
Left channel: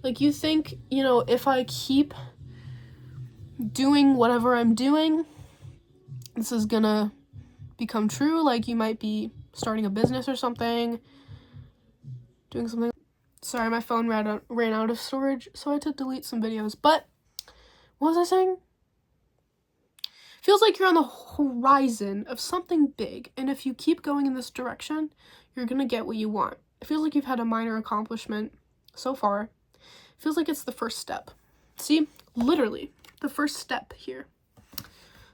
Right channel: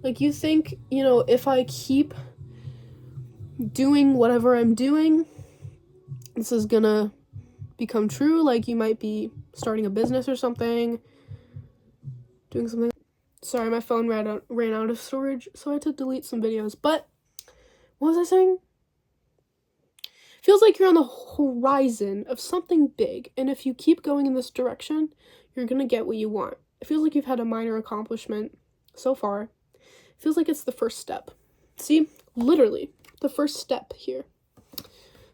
Like, you think, you know, if I keep doing whatever I'm doing, this is gonna become true. Like, you might be starting a business or something, doing something. Sorry, my phone ran out of storage, so I had to delete some videos. But what was I saying? Feels like you're on the horizon of something big, and if you keep going in this direction, you're gonna get what you want. It feels like you've had a minor accomplishment so far. It feels like it's the first step. See? Literally, the first step here.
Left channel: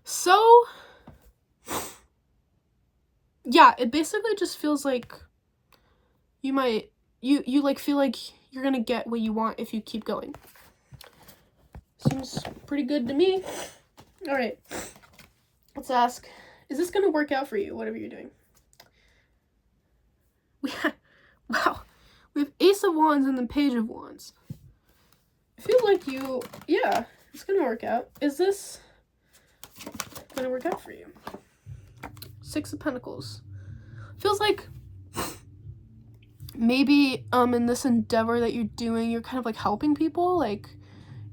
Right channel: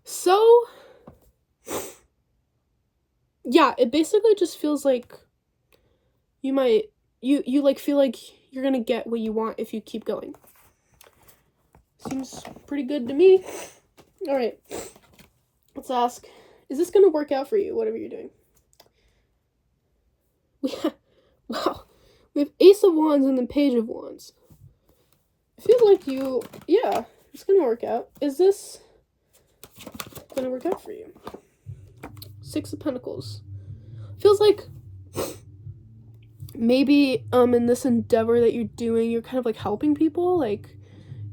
So, yeah, it basically just feels like you might, you like feel like you're gonna get what you want if you keep going. Seems pretty good to me. All right, let's ask, is this gonna work out for you, whatever you're doing? Wow, we have Ace of Wands and then Page of Wands. I feel like yeah, it's gonna work out. Is this gonna work out for you? 6 of Pentacles. Feels like maybe in this endeavor that you're doing, you're kind of like helping people. Like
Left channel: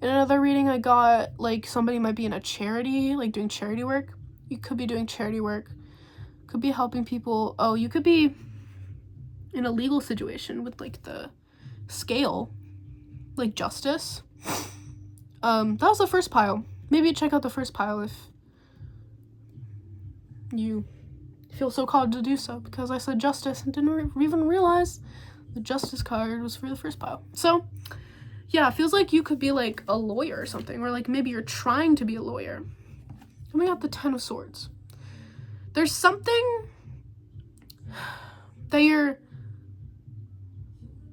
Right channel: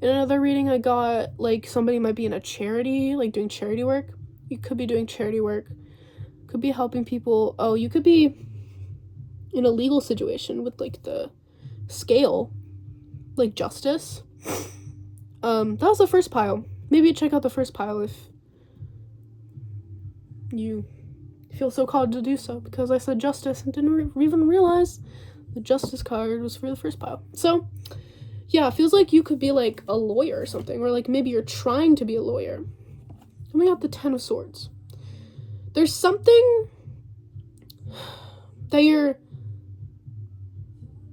in another reading I got, like somebody might be in a charity, like doing charity work. You could be doing charity work. Could be helping people. Oh, you could be in a legal situation with like the scale, like justice. That was the first pile. Maybe check out the first pile if you feel so called to do so, because I said justice and didn't even realize the justice card was for the first pile. So yeah, it feels like you could be like a lawyer or something, or like maybe you're trying to be a lawyer. Coming out the 10 of Swords. There's something that you're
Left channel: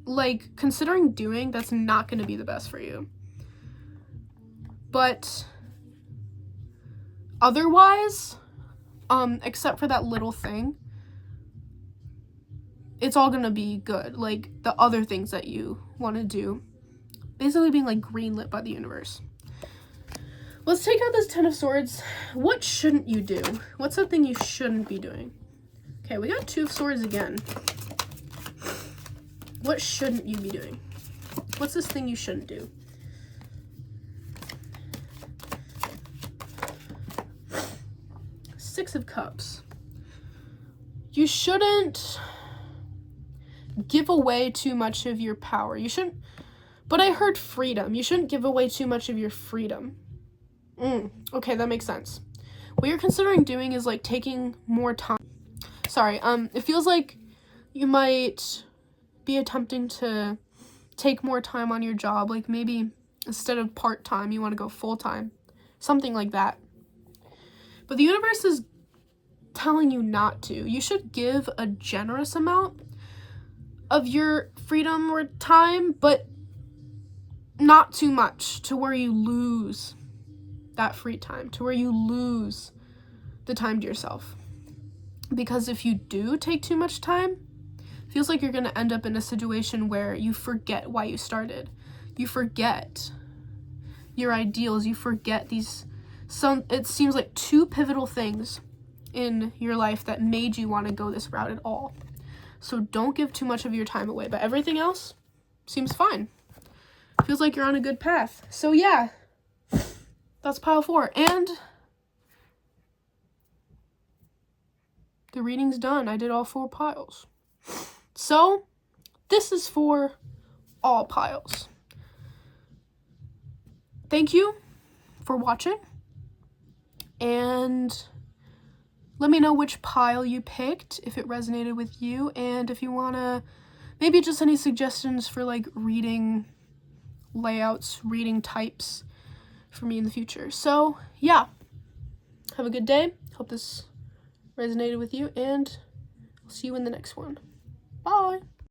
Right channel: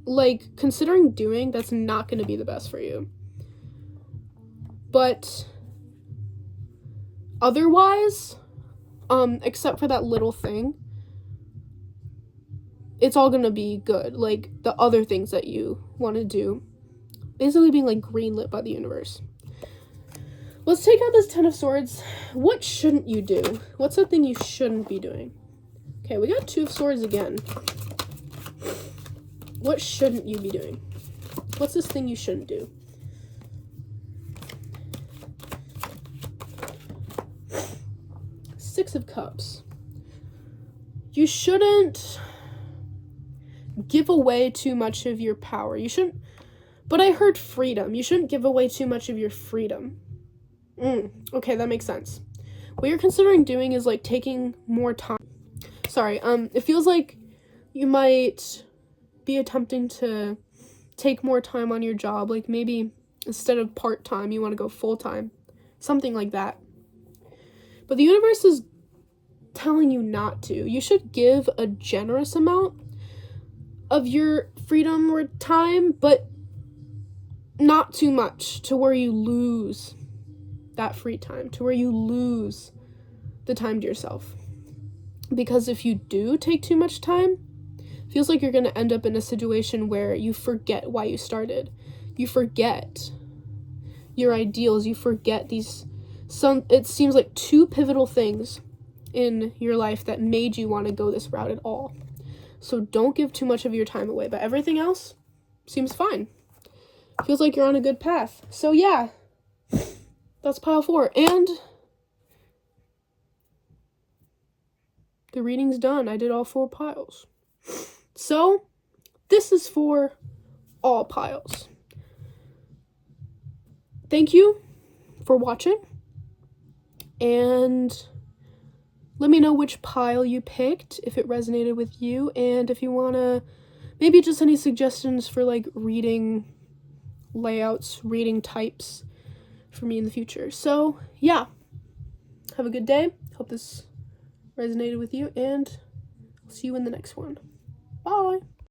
like considering doing that's not going to be the best for you. But otherwise, except for that little thing, it's all gonna be good. Like the other things that you want to do, basically being like greenlit by the universe. Let's take out this 10 of Swords. What shouldn't you do? What's the thing you shouldn't be doing? Okay, we got 2 of Swords again. What shouldn't you be doing? What's this thing you shouldn't do? Six of Cups. You shouldn't give away too much of your power. You shouldn't, but I heard freedom. You shouldn't give away too much of your freedom. Okay, that makes sense. What you're considering doing is like taking more time. Sorry, it feels like you might be attempting to take more time on your job. Like maybe instead of part-time, you want to go full-time. Something like that. But the universe is telling you not to. You should give a generous amount of your freedom or time, but not too much to where you lose that free time, to where you lose the time to yourself. Because if you do take too much time, it feels like you're going to end up in a situation where you forget why you started. You forget your ideals. You forget it seems like 2 pivotal things in your life that made you want to go this route at all. So don't give too much of your time away, but everything else seems fine. Feels like you're on a good path. So yeah, that's pile 4. And the reading's done. I did all 4 piles. So, this is for all piles. Thank you for watching, and let me know which pile you picked, if it resonated with you, and if you want to, maybe just any suggestions for like reading layouts, reading types for me in the future. So yeah, have a good day. Hope this resonated with you, and I'll see you in the next one. Bye.